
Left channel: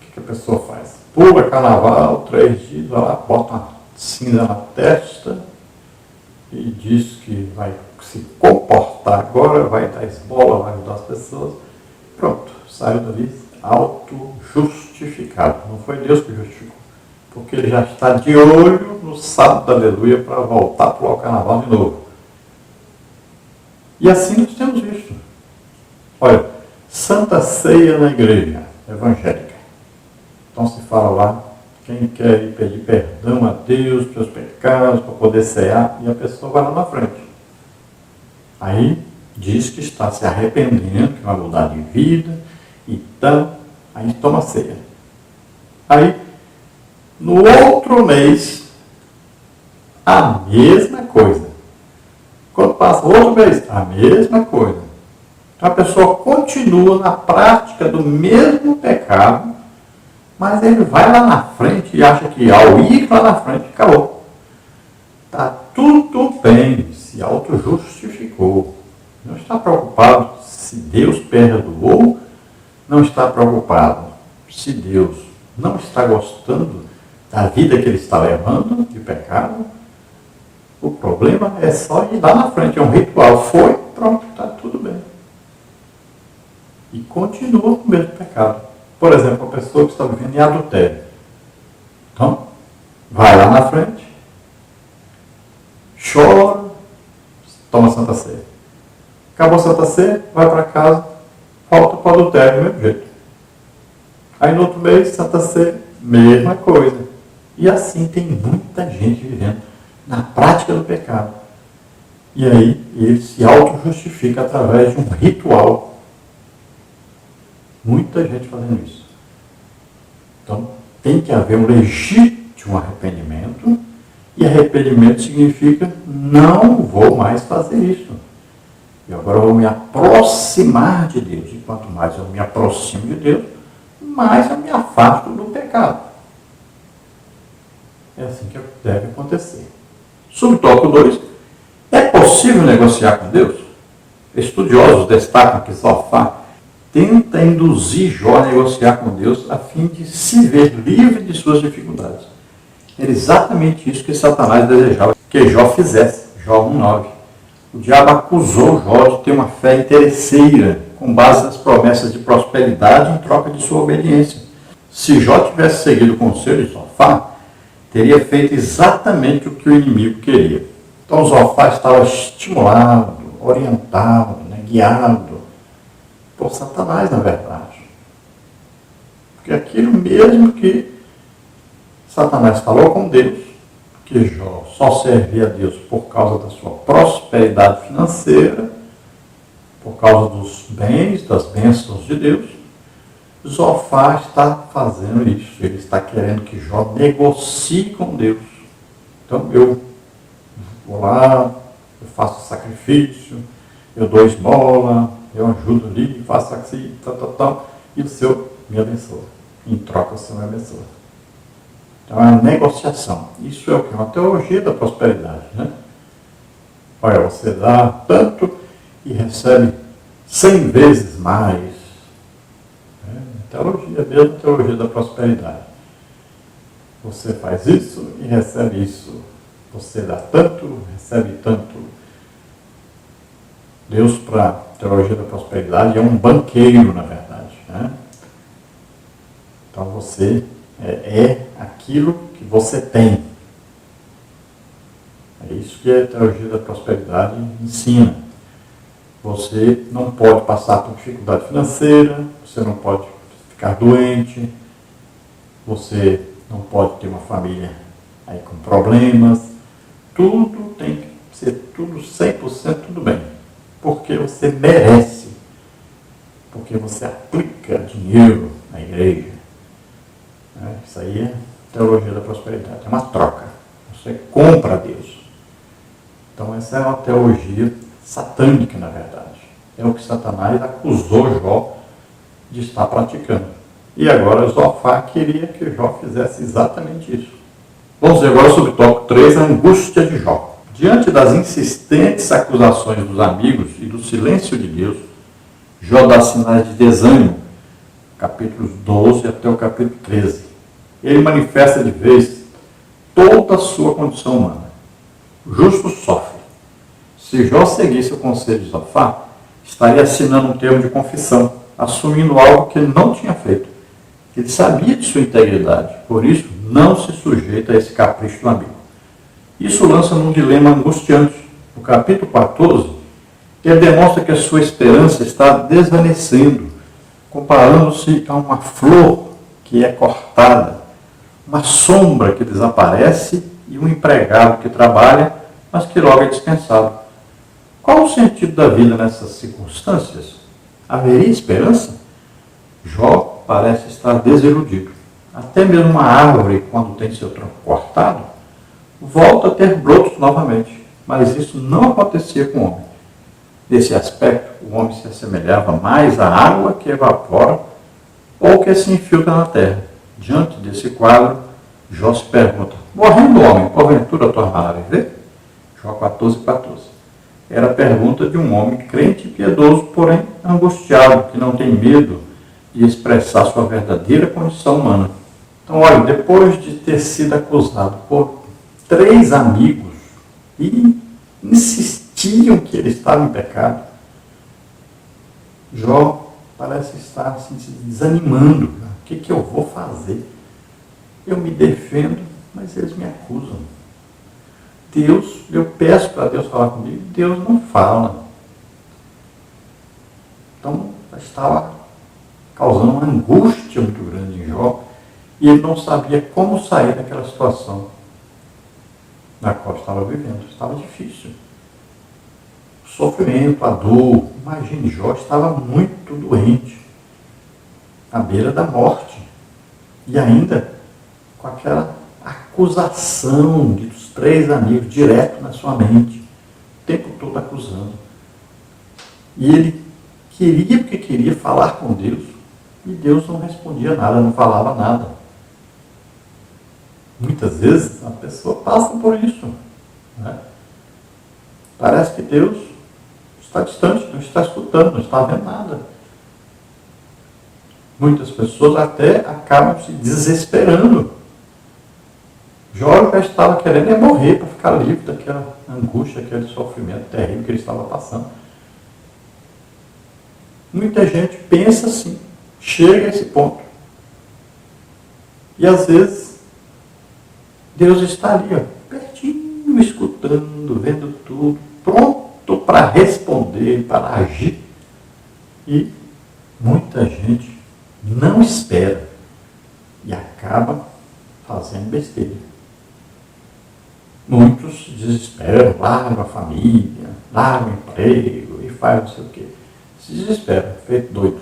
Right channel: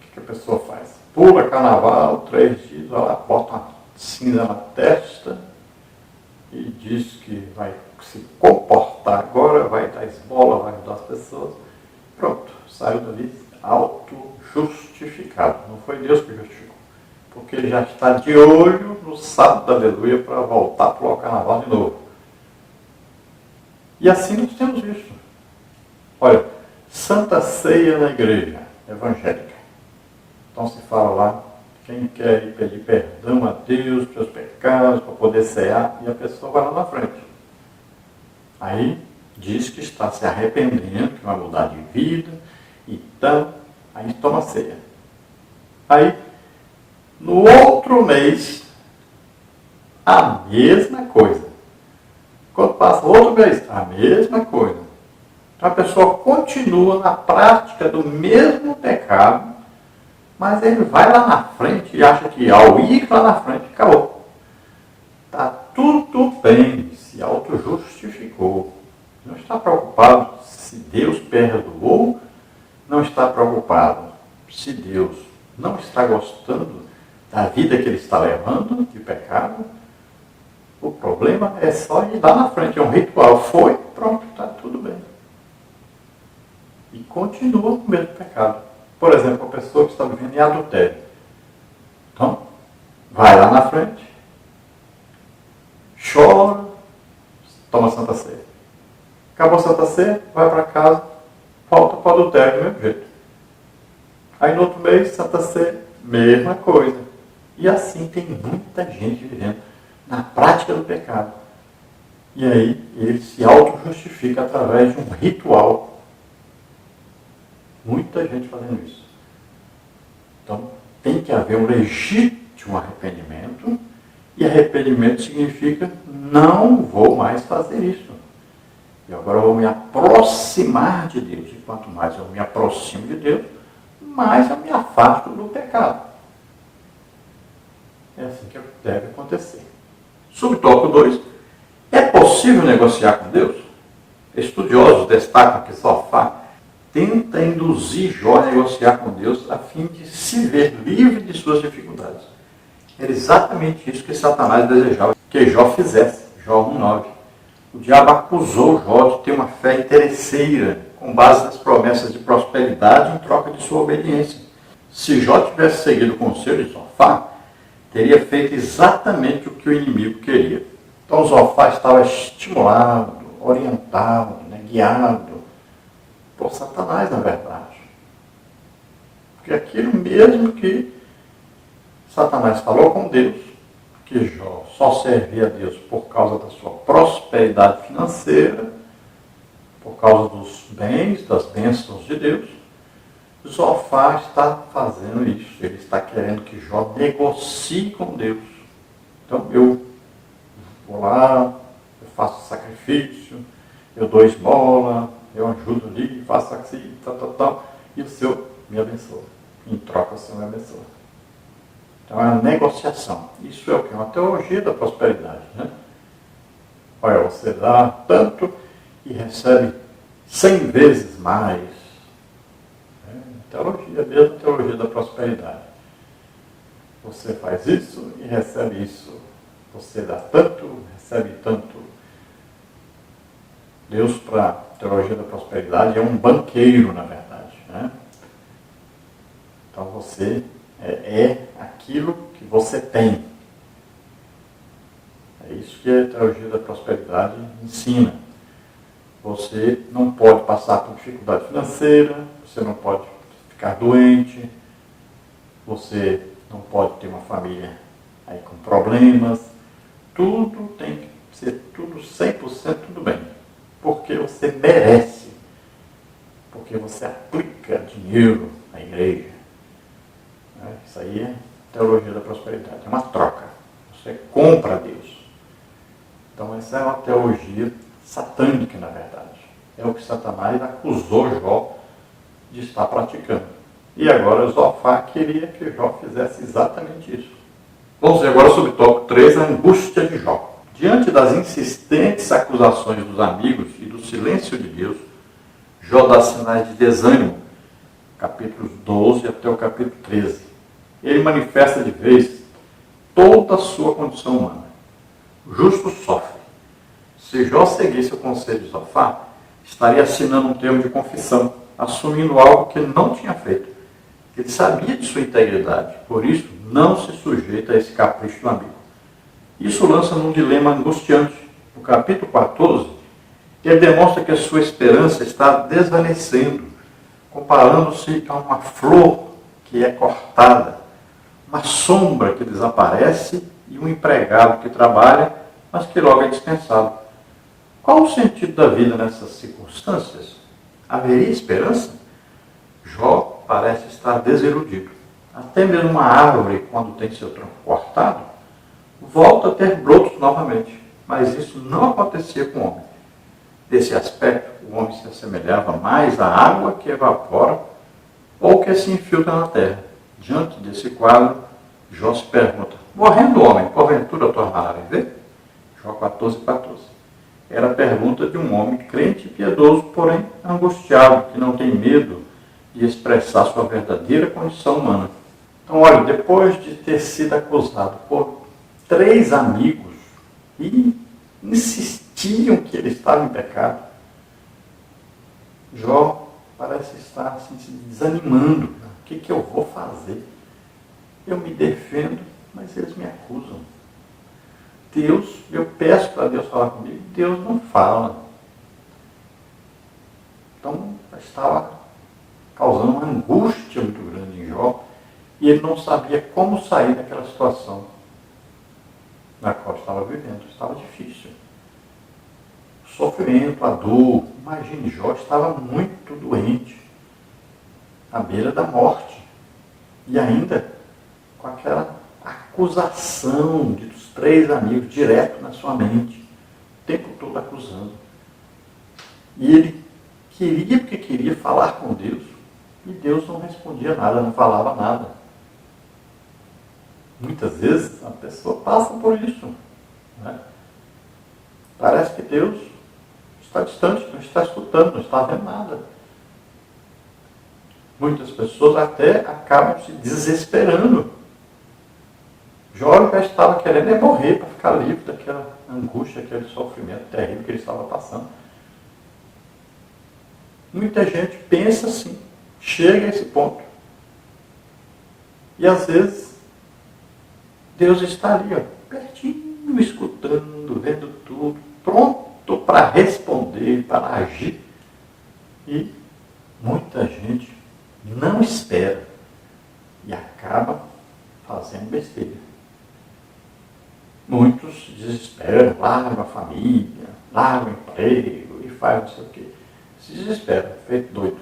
O que a pessoa faz? Pula carnaval, 3 dias, vai lá, bota uma cinza na testa e diz que vai se comportar agora, vai dar esmola, vai ajudar as pessoas. Pronto, saiu dali auto-justificado. Não foi Deus que justificou, porque ele já está de olho no sábado da aleluia para voltar para o carnaval de novo. E assim nós temos visto. Olha, Santa Ceia na igreja evangélica. Então se fala lá, quem quer ir pedir perdão a Deus pelos pecados, para poder cear, e a pessoa vai lá na frente. Aí diz que está se arrependendo, que vai mudar de vida, então, aí toma ceia. Aí, no outro mês, a mesma coisa. Quando passa outro mês, a mesma coisa. Então a pessoa continua na prática do mesmo pecado, mas ele vai lá na frente e acha que ao ir lá na frente, acabou. Está tudo bem, se auto-justificou. Não está preocupado se Deus perdoou, não está preocupado se Deus não está gostando da vida que ele está levando de pecado, o problema é só ir lá na frente, é um ritual. Foi, pronto, está tudo bem. E continua com o mesmo pecado. Por exemplo, a pessoa que está vivendo em adultério. Então, vai lá na frente, chora, toma Santa Ceia. Acabou a Santa Ceia, vai para casa, volta para o adultério do mesmo jeito. Aí no outro mês, Santa Ceia, mesma coisa. E assim tem muita gente vivendo na prática do pecado. E aí ele se auto-justifica através de um ritual. Muita gente fazendo isso. Então tem que haver um legítimo arrependimento. E arrependimento significa não vou mais fazer isso. E agora eu vou me aproximar de Deus. E quanto mais eu me aproximo de Deus, mais eu me afasto do pecado. É assim que deve acontecer. Subtópico 2. É possível negociar com Deus? Estudiosos destacam que Zofar tenta induzir Jó a negociar com Deus a fim de se ver livre de suas dificuldades. Era exatamente isso que Satanás desejava que Jó fizesse. Jó 1,9. O diabo acusou Jó de ter uma fé interesseira, com base nas promessas de prosperidade em troca de sua obediência. Se Jó tivesse seguido o conselho de Zofar, teria feito exatamente o que o inimigo queria. Então Zofar estava estimulado, orientado, guiado por Satanás, na verdade. Porque aquilo mesmo que Satanás falou com Deus, que Jó só servia a Deus por causa da sua prosperidade financeira, por causa dos bens, das bênçãos de Deus, Zofar está fazendo isso. Ele está querendo que Jó negocie com Deus. Então eu vou lá, eu faço sacrifício, eu dou esmola, eu ajudo ali, faço assim, tal, e o Senhor me abençoa. Em troca o Senhor me abençoa. Então é uma negociação. Isso é o que? Uma teologia da prosperidade. Né? Olha, você dá tanto e recebe 100 vezes mais. Teologia mesmo, teologia da prosperidade. Você faz isso e recebe isso. Você dá tanto, recebe tanto. Deus, para a teologia da prosperidade, é um banqueiro, na verdade. Né? Então você é aquilo que você tem. É isso que a teologia da prosperidade ensina. Você não pode passar por dificuldade financeira, você não pode ficar doente, você não pode ter uma família aí com problemas, tudo tem que ser tudo 100% tudo bem, porque você merece, porque você aplica dinheiro na igreja. Isso aí é teologia da prosperidade, é uma troca, você compra a Deus. Então essa é uma teologia satânica, na verdade. É o que Satanás acusou Jó de estar praticando. E agora Zofar queria que Jó fizesse exatamente isso. Vamos ver agora sobre o tópico 3, a angústia de Jó. Diante das insistentes acusações dos amigos e do silêncio de Deus, Jó dá sinais de desânimo, capítulos 12 até o capítulo 13. Ele manifesta de vez toda a sua condição humana. O justo sofre. Se Jó seguisse o conselho de Zofar, estaria assinando um termo de confissão, assumindo algo que ele não tinha feito. Ele sabia de sua integridade, por isso não se sujeita a esse capricho do amigo. Isso lança num dilema angustiante. No capítulo 14, ele demonstra que a sua esperança está desvanecendo, comparando-se a uma flor que é cortada, uma sombra que desaparece e um empregado que trabalha, mas que logo é dispensado. Qual o sentido da vida nessas circunstâncias? Haveria esperança? Jó parece estar desiludido. Até mesmo uma árvore, quando tem seu tronco cortado, volta a ter brotos novamente. Mas isso não acontecia com o homem. Nesse aspecto, o homem se assemelhava mais à água que evapora ou que se infiltra na terra. Diante desse quadro, Jó se pergunta: morrendo o homem, porventura tornará a viver? Jó 14:14. Era a pergunta de um homem crente e piedoso, porém angustiado, que não tem medo de expressar sua verdadeira condição humana. Então, olha, depois de ter sido acusado por 3 amigos e insistiam que ele estava em pecado, Jó parece estar assim, se desanimando. O que eu vou fazer? Eu me defendo, mas eles me acusam. Deus, eu peço para Deus falar comigo, Deus não fala. Então, estava causando uma angústia muito grande em Jó, e ele não sabia como sair daquela situação na qual estava vivendo. Estava difícil. O sofrimento, a dor. Imagine, Jó estava muito doente, à beira da morte, e ainda com aquela acusação dos 3 amigos direto na sua mente, o tempo todo acusando. E ele queria, porque queria falar com Deus, e Deus não respondia nada, não falava nada. Muitas vezes a pessoa passa por isso, né? Parece que Deus está distante, não está escutando, não está vendo nada. Muitas pessoas até acabam se desesperando. Jó já estava querendo morrer para ficar livre daquela angústia, aquele sofrimento terrível que ele estava passando. Muita gente pensa assim, chega a esse ponto. E às vezes Deus está ali, ó, pertinho, escutando, vendo tudo, pronto para responder, para agir. E muita gente não espera e acaba fazendo besteira. Muitos se desesperam, largam a família, largam o emprego e fazem não sei o quê. Se desesperam, feito doido.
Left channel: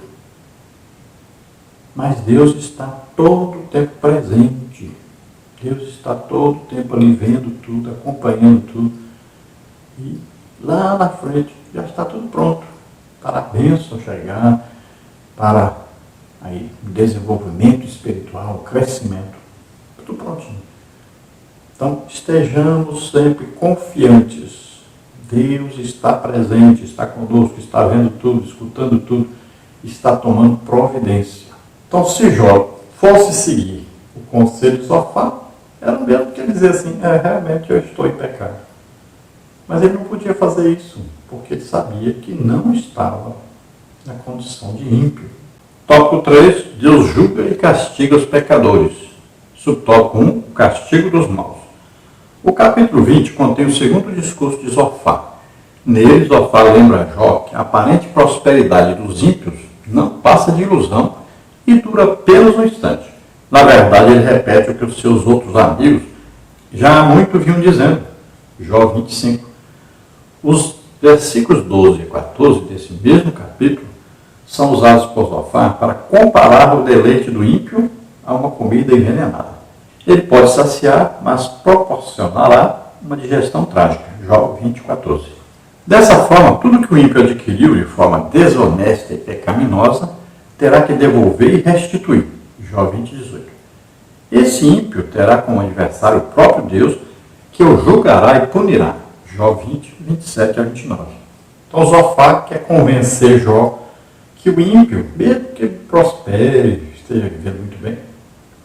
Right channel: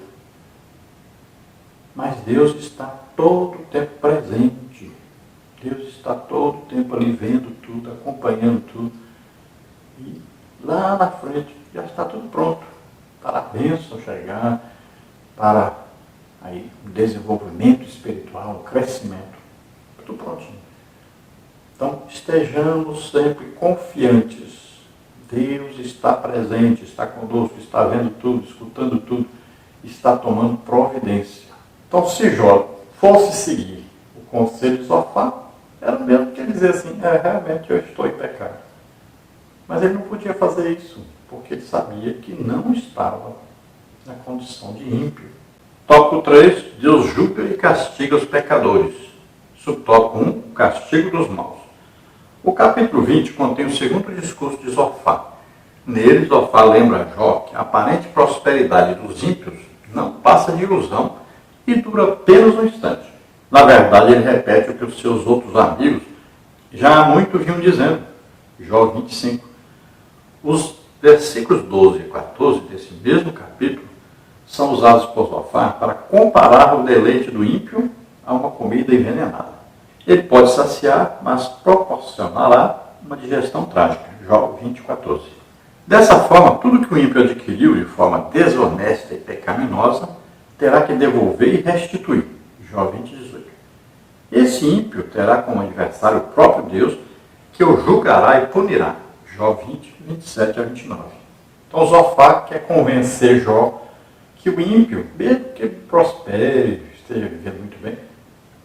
Mas Deus está todo o tempo presente. Deus está todo o tempo ali vendo tudo, acompanhando tudo. E lá na frente já está tudo pronto para a bênção chegar, para aí, o desenvolvimento espiritual, o crescimento. Tudo prontinho. Então, estejamos sempre confiantes. Deus está presente, está conosco, está vendo tudo, escutando tudo, está tomando providência. Então, se Jó fosse seguir o conselho de Zofar, era o mesmo que ele dizer assim, realmente eu estou em pecado. Mas ele não podia fazer isso, porque ele sabia que não estava na condição de ímpio. Tópico 3, Deus julga e castiga os pecadores. Subtópico 1, o castigo dos maus. O capítulo 20 contém o segundo discurso de Zofar. Nele, Zofar lembra a Jó que a aparente prosperidade dos ímpios não passa de ilusão e dura apenas um instante. Na verdade, ele repete o que os seus outros amigos já há muito vinham dizendo. Jó 25. Os versículos 12 e 14 desse mesmo capítulo são usados por Zofar para comparar o deleite do ímpio a uma comida envenenada. Ele pode saciar, mas proporcionará uma digestão trágica. Jó 20, 14. Dessa forma, tudo que o ímpio adquiriu de forma desonesta e pecaminosa terá que devolver e restituir. Jó 20, 18. Esse ímpio terá como adversário o próprio Deus, que o julgará e punirá. Jó 20, 27 a 29. Então Zofar quer convencer Jó que o ímpio, mesmo que ele prospere, esteja vivendo muito bem,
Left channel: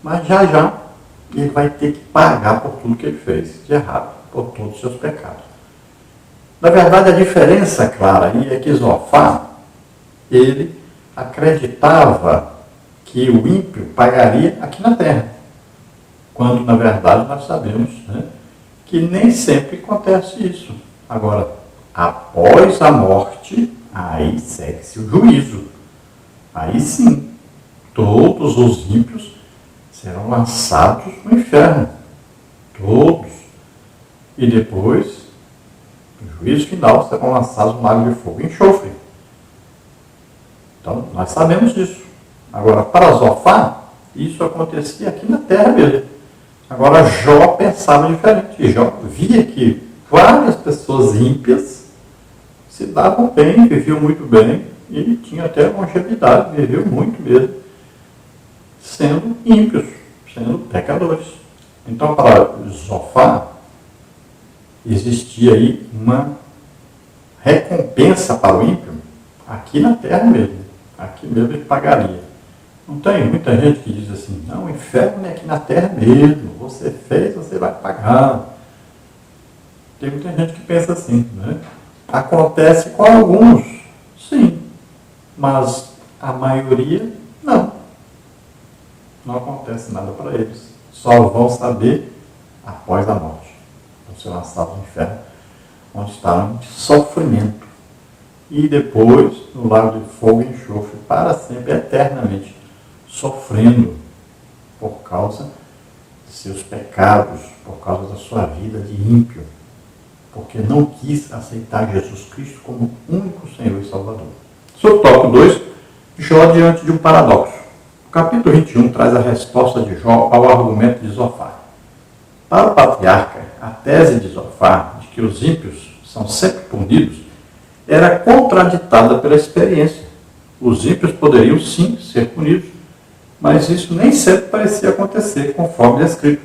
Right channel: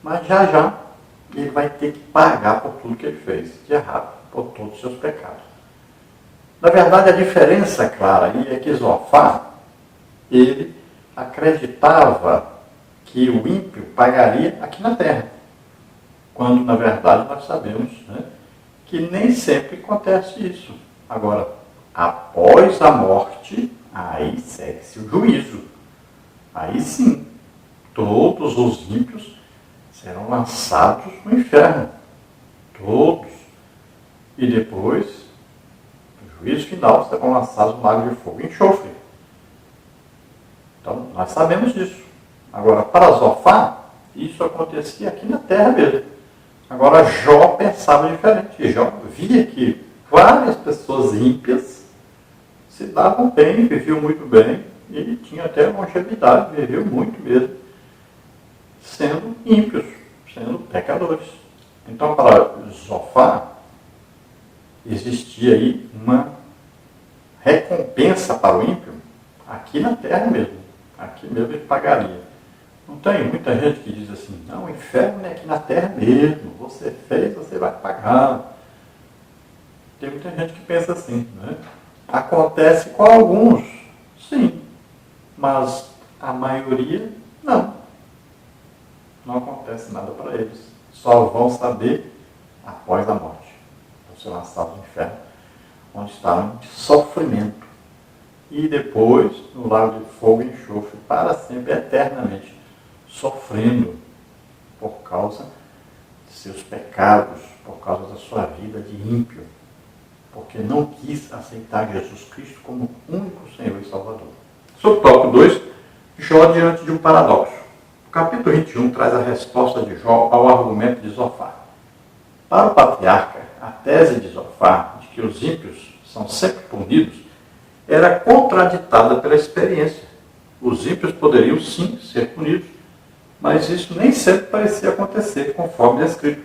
mas já ele vai ter que pagar por tudo que ele fez de errado, por todos os seus pecados. Na verdade, a diferença clara aí é que Zofar, ele acreditava que o ímpio pagaria aqui na terra, quando na verdade nós sabemos, né, que nem sempre acontece isso. Agora, após a morte, aí segue-se o juízo. Aí sim, todos os ímpios serão lançados no inferno. Todos. E depois, no juízo final, serão lançados no lago de fogo e enxofre. Então, nós sabemos disso. Agora, para Zofar, isso acontecia aqui na terra mesmo. Agora, Jó pensava diferente. Jó via que várias pessoas ímpias se davam bem, viviam muito bem e tinham até longevidade, viviam muito mesmo, sendo ímpios, sendo pecadores. Então, para Zofar, existia aí uma recompensa para o ímpio aqui na terra mesmo. Aqui mesmo ele pagaria. Não tem muita gente que diz assim, não, o inferno é aqui na terra mesmo, você fez, você vai pagar. Tem muita gente que pensa assim, né? Acontece com alguns, sim, mas a maioria não. Não acontece nada para eles. Só vão saber após a morte. Vão ser lançados no inferno, onde estarão em sofrimento. E depois, no lago de fogo e enxofre, para sempre, eternamente, sofrendo por causa de seus pecados, por causa da sua vida de ímpio, porque não quis aceitar Jesus Cristo como único Senhor e Salvador. Sobre o tópico 2, Jó diante de um paradoxo. O capítulo 21 traz a resposta de Jó ao argumento de Zofar. Para o patriarca, a tese de Zofar, de que os ímpios são sempre punidos, era contraditada pela experiência. Os ímpios poderiam sim ser punidos, mas isso nem sempre parecia acontecer conforme descrito.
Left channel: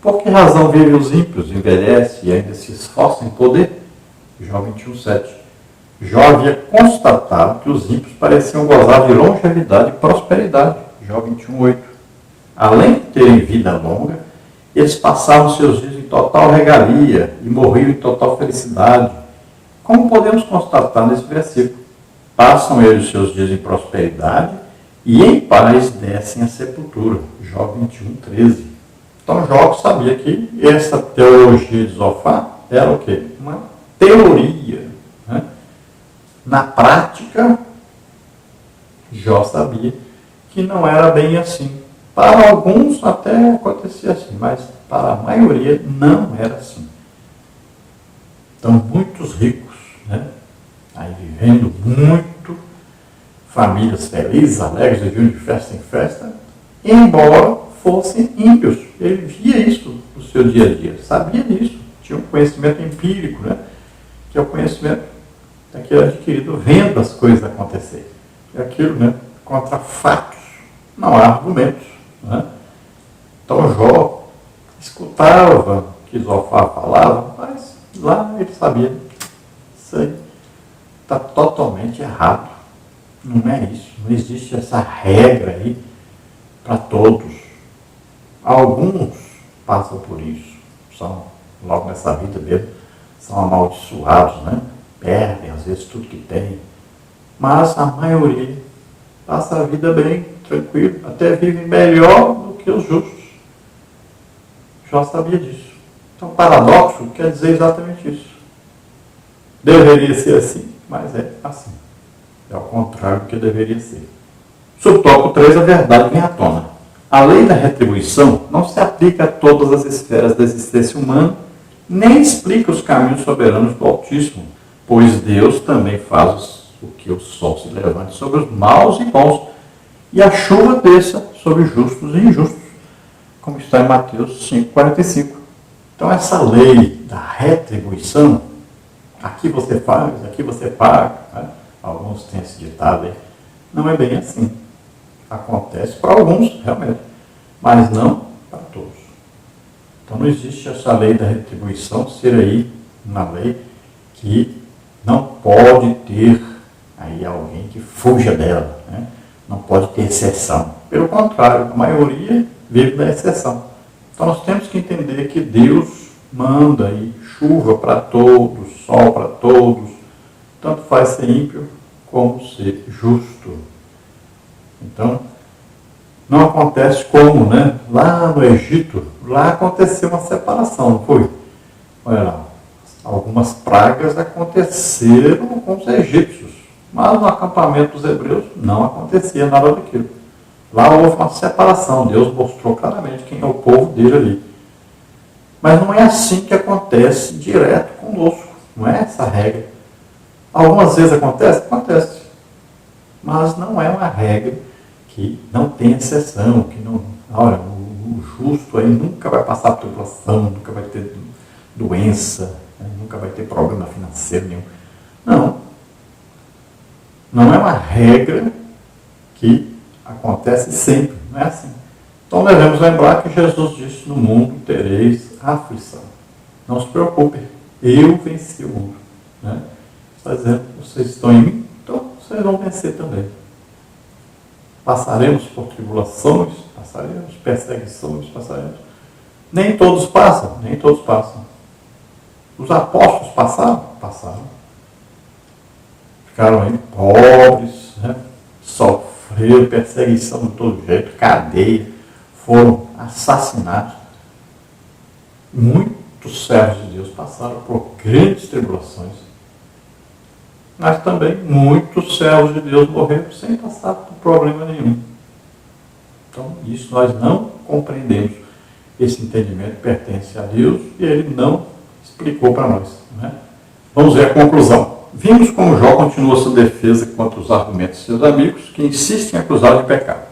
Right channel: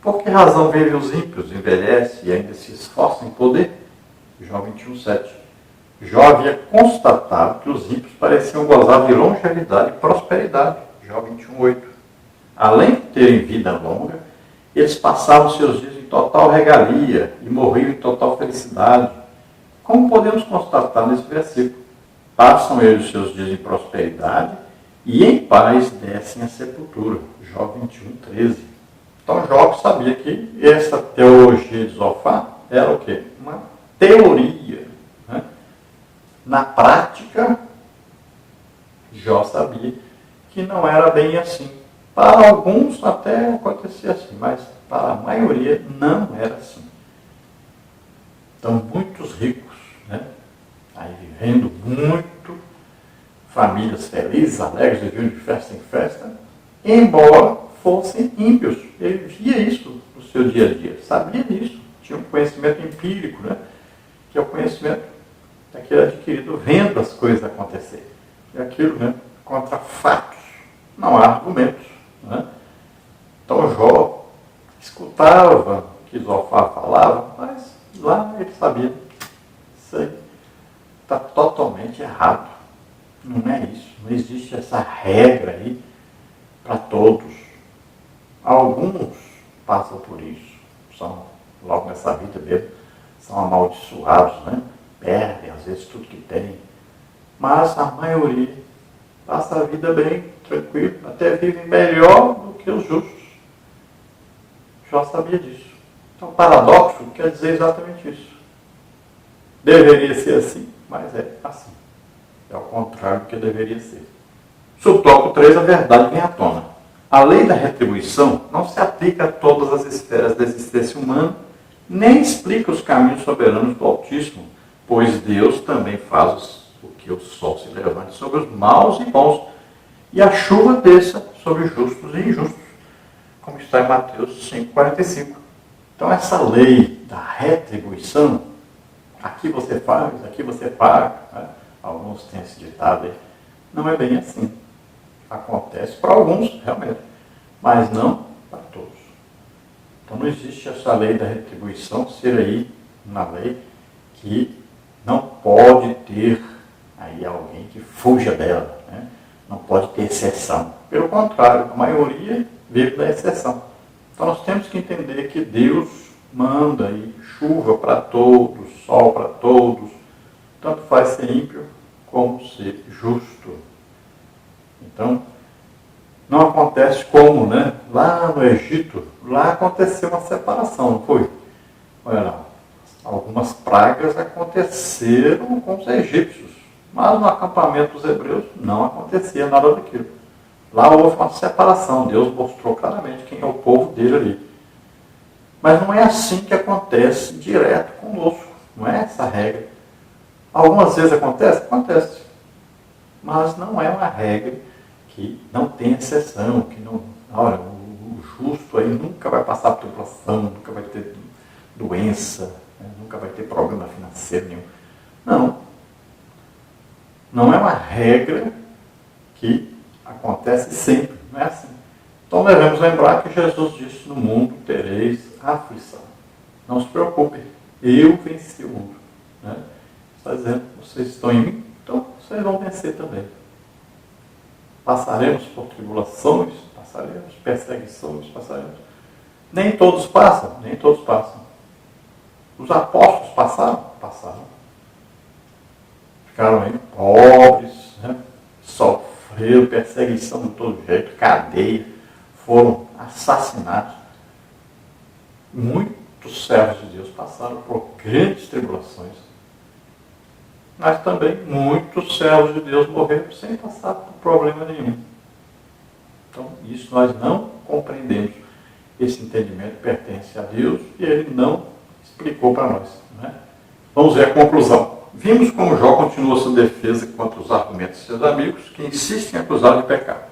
Por que razão vivem os ímpios, envelhecem e ainda se esforçam em poder? Jó 21:7. Jó havia constatado que os ímpios pareciam gozar de longevidade e prosperidade. Jó 21:8. Além de terem vida longa, eles passavam seus dias em total regalia e morriam em total felicidade. Como podemos constatar nesse versículo? Passam eles seus dias em prosperidade e em paz descem à sepultura. Jó 21:13. Então Jó sabia que essa teologia de Zofar era o quê? Uma teoria. Né? Na prática, Jó sabia que não era bem assim. Para alguns até acontecia assim, mas para a maioria não era assim. Então muitos ricos, né? Aí vivendo muito, famílias felizes, alegres, viviam de festa em festa, embora fossem ímpios. Ele via isso no seu dia a dia, sabia disso, tinha um conhecimento empírico, né? Que é o conhecimento daquele adquirido vendo as coisas acontecer. E aquilo, né? Contra fatos, não há argumentos. Né? Então Jó escutava o que Zofar falava, mas lá ele sabia, isso aí está totalmente errado. Não é isso, não existe essa regra aí para todos. Alguns passam por isso, são, logo nessa vida mesmo, são amaldiçoados, né? Perdem às vezes tudo que têm, mas a maioria passa a vida bem, tranquilo, até vive melhor do que os justos. Jó sabia disso. Então, paradoxo quer dizer exatamente isso. Deveria ser assim, mas é assim. É o contrário do que deveria ser. Sob o tópico 3, a verdade vem à tona. A lei da retribuição não se aplica a todas as esferas da existência humana, nem explica os caminhos soberanos do Altíssimo, pois Deus também faz o que o sol se levante sobre os maus e bons, e a chuva desça sobre justos e injustos, como está em Mateus 5,45. Então essa lei da retribuição, aqui você faz, aqui você paga, né? Alguns têm esse ditado aí, não é bem assim. Acontece para alguns, realmente, mas não para todos. Então não existe essa lei da retribuição ser aí uma lei que não pode ter aí alguém que fuja dela, né? Não pode ter exceção. Pelo contrário, a maioria vive da exceção. Então nós temos que entender que Deus manda aí chuva para todos, sol para todos, tanto faz ser ímpio como ser justo. Então, não acontece como, né? Lá no Egito, lá aconteceu uma separação, não foi? Olha lá, algumas pragas aconteceram com os egípcios, mas no acampamento dos hebreus não acontecia nada daquilo. Lá houve uma separação, Deus mostrou claramente quem é o povo dele ali. Mas não é assim que acontece direto conosco, não é essa a regra. Algumas vezes acontece? Acontece. Mas não é uma regra que não tem exceção, que não, olha, o justo aí nunca vai passar tribulação, nunca vai ter doença, né, nunca vai ter problema financeiro nenhum. Não. Não é uma regra que acontece sempre, não é assim. Então devemos lembrar que Jesus disse, no mundo tereis aflição. Não se preocupem, eu venci o mundo. Né? Está dizendo, vocês estão em mim, então vocês vão vencer também. Passaremos por tribulações, passaremos, perseguições, passaremos. Nem todos passam, nem todos passam. Os apóstolos passaram? Passaram. Ficaram aí pobres, né? Sofreram perseguição de todo jeito, cadeia, foram assassinados. Muitos servos de Deus passaram por grandes tribulações. Mas também muitos servos de Deus morreram sem passar por problema nenhum. Então, isso nós não compreendemos. Esse entendimento pertence a Deus e Ele não explicou para nós. Né? Vamos ver a conclusão. Vimos como Jó continua sua defesa contra os argumentos de seus amigos, que insistem em acusá-lo de pecado.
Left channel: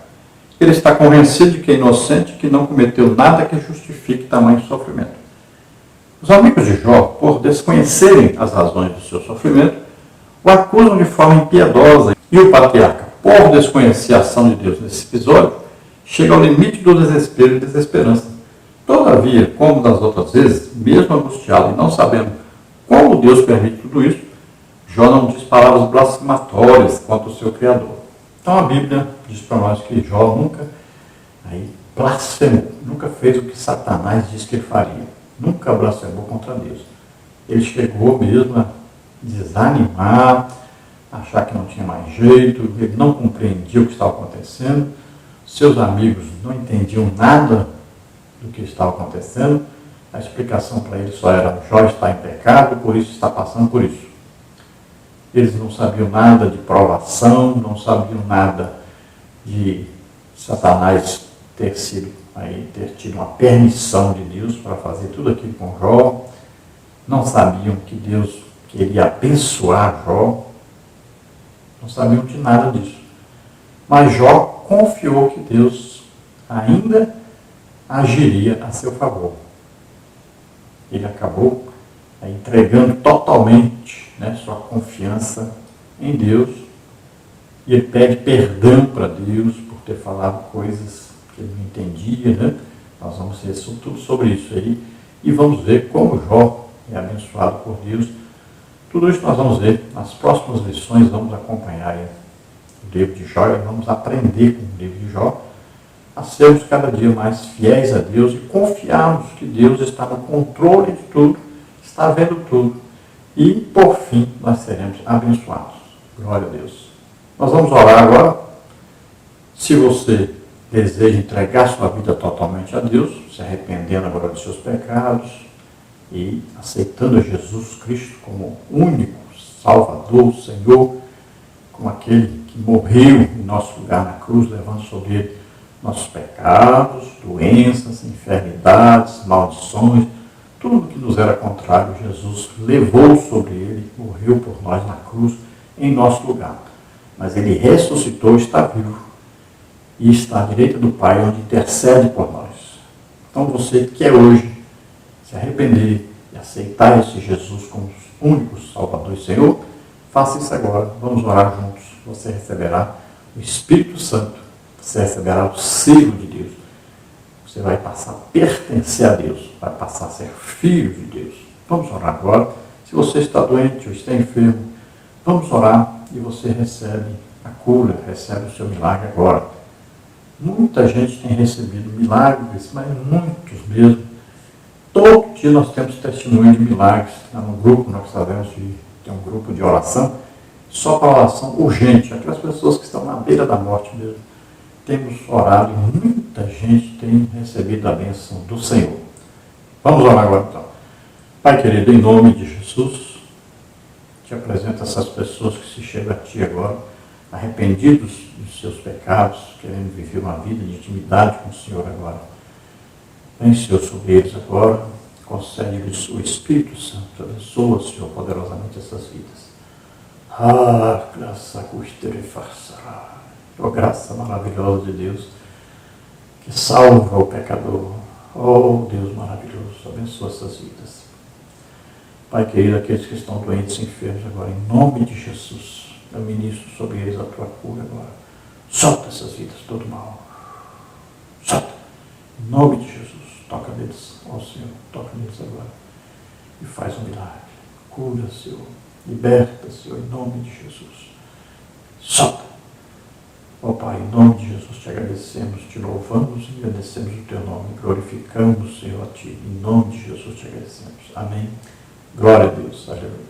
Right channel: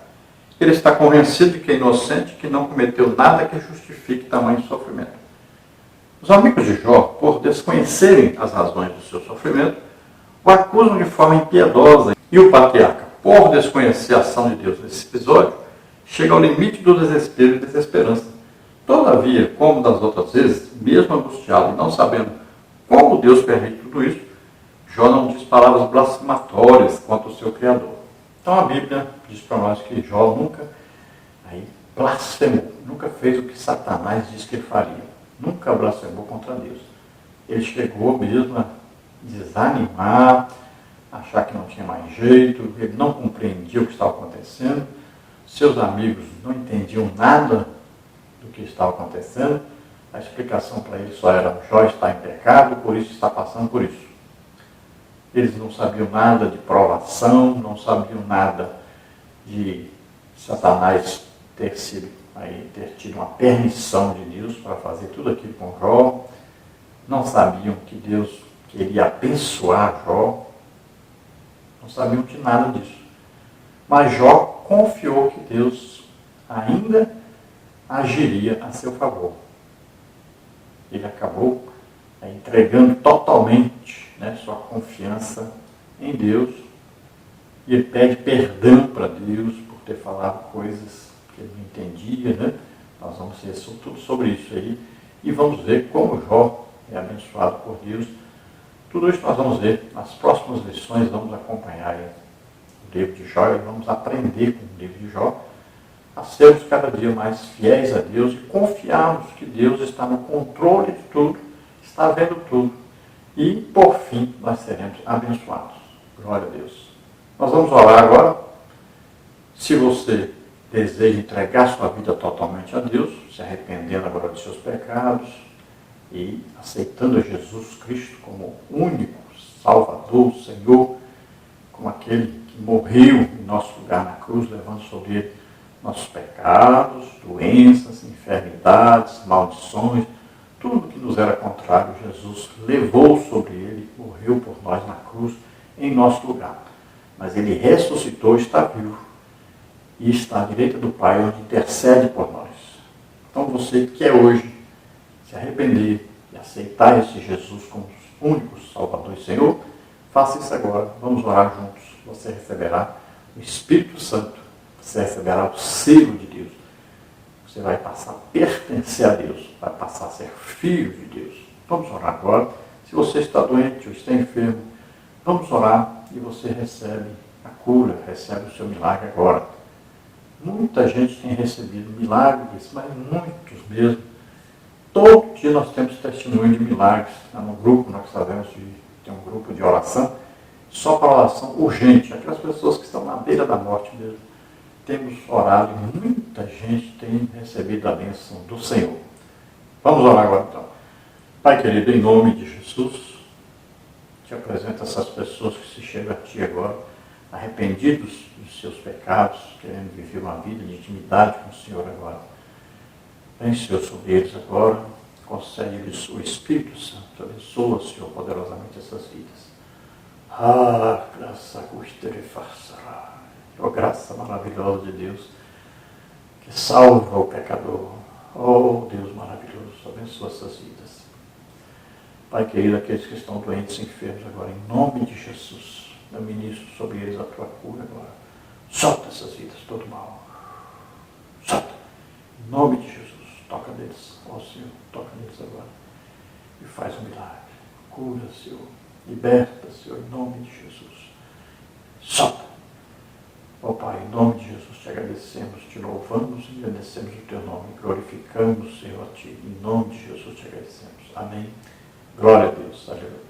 Ele está convencido de que é inocente e que não cometeu nada que justifique tamanho sofrimento. Os amigos de Jó, por desconhecerem as razões do seu sofrimento, o acusam de forma impiedosa. E o patriarca, por desconhecer a ação de Deus nesse episódio, chega ao limite do desespero e desesperança. Todavia, como das outras vezes, mesmo angustiado e não sabendo como Deus permite tudo isso, Jó não diz palavras blasfematórias contra o seu Criador. Então a Bíblia diz para nós que Jó nunca blasfemou, nunca fez o que Satanás disse que ele faria. Nunca blasfemou contra Deus. Ele chegou mesmo a desanimar, achar que não tinha mais jeito, ele não compreendia o que estava acontecendo, seus amigos não entendiam nada do que estava acontecendo, a explicação para ele só era: Jó está em pecado, por isso está passando por isso. Eles não sabiam nada de provação, não sabiam nada de Satanás ter tido uma permissão de Deus para fazer tudo aquilo com Jó, não sabiam que Deus queria abençoar Jó, não sabiam de nada disso. Mas Jó confiou que Deus ainda agiria a seu favor. Ele acabou entregando totalmente, né, sua confiança em Deus, e ele pede perdão para Deus por ter falado coisas que ele não entendia. Né? Nós vamos ver tudo sobre isso aí e vamos ver como Jó é abençoado por Deus. Tudo isso nós vamos ver nas próximas lições. Vamos acompanhar aí o livro de Jó e vamos aprender com o livro de Jó a sermos cada dia mais fiéis a Deus e confiarmos que Deus está no controle de tudo, está vendo tudo. E, por fim, nós seremos abençoados. Glória a Deus. Nós vamos orar agora. Se você deseja entregar sua vida totalmente a Deus, se arrependendo agora dos seus pecados e aceitando Jesus Cristo como único Salvador, Senhor, como aquele que morreu em nosso lugar na cruz, levando sobre ele nossos pecados, doenças, enfermidades, maldições, tudo que nos era contrário, Jesus levou sobre ele, morreu por nós na cruz, em nosso lugar. Mas ele ressuscitou, está vivo, e está à direita do Pai, onde intercede por nós. Então você que quer hoje se arrepender e aceitar esse Jesus como único Salvador e Senhor, faça isso agora. Vamos orar juntos. Você receberá o Espírito Santo, você receberá o selo de Deus. Você vai passar a pertencer a Deus, vai passar a ser filho de Deus. Vamos orar agora. Se você está doente ou está enfermo, vamos orar e você recebe a cura, recebe o seu milagre agora. Muita gente tem recebido milagres, mas muitos mesmo. Todo dia nós temos testemunho de milagres. No grupo nós sabemos que tem um grupo de oração, só para oração urgente, aquelas pessoas que estão na beira da morte mesmo. Temos orado e muita gente tem recebido a bênção do Senhor. Vamos orar agora então. Pai querido, em nome de Jesus, te apresento essas pessoas que se chegam a Ti agora, arrependidos dos seus pecados, querendo viver uma vida de intimidade com o Senhor agora. Vem, Senhor, sobre eles agora, concede-lhes o Espírito Santo, abençoa, Senhor, poderosamente essas vidas. Graça custere farçará. Oh, graça maravilhosa de Deus, que salva o pecador. Oh, Deus maravilhoso, abençoa essas vidas. Pai querido, aqueles que estão doentes e enfermos agora, em nome de Jesus, eu ministro sobre eles a Tua cura agora. Solta essas vidas, todo mal. Solta. Em nome de Jesus, toca neles, ó Senhor, toca neles agora. E faz um milagre. Cura, Senhor. Liberta, Senhor, em nome de Jesus. Solta. Ó Pai, em nome de Jesus te agradecemos, te louvamos e agradecemos o teu nome, glorificamos, Senhor, a ti. Em nome de Jesus te agradecemos. Amém. Glória a Deus. Aleluia.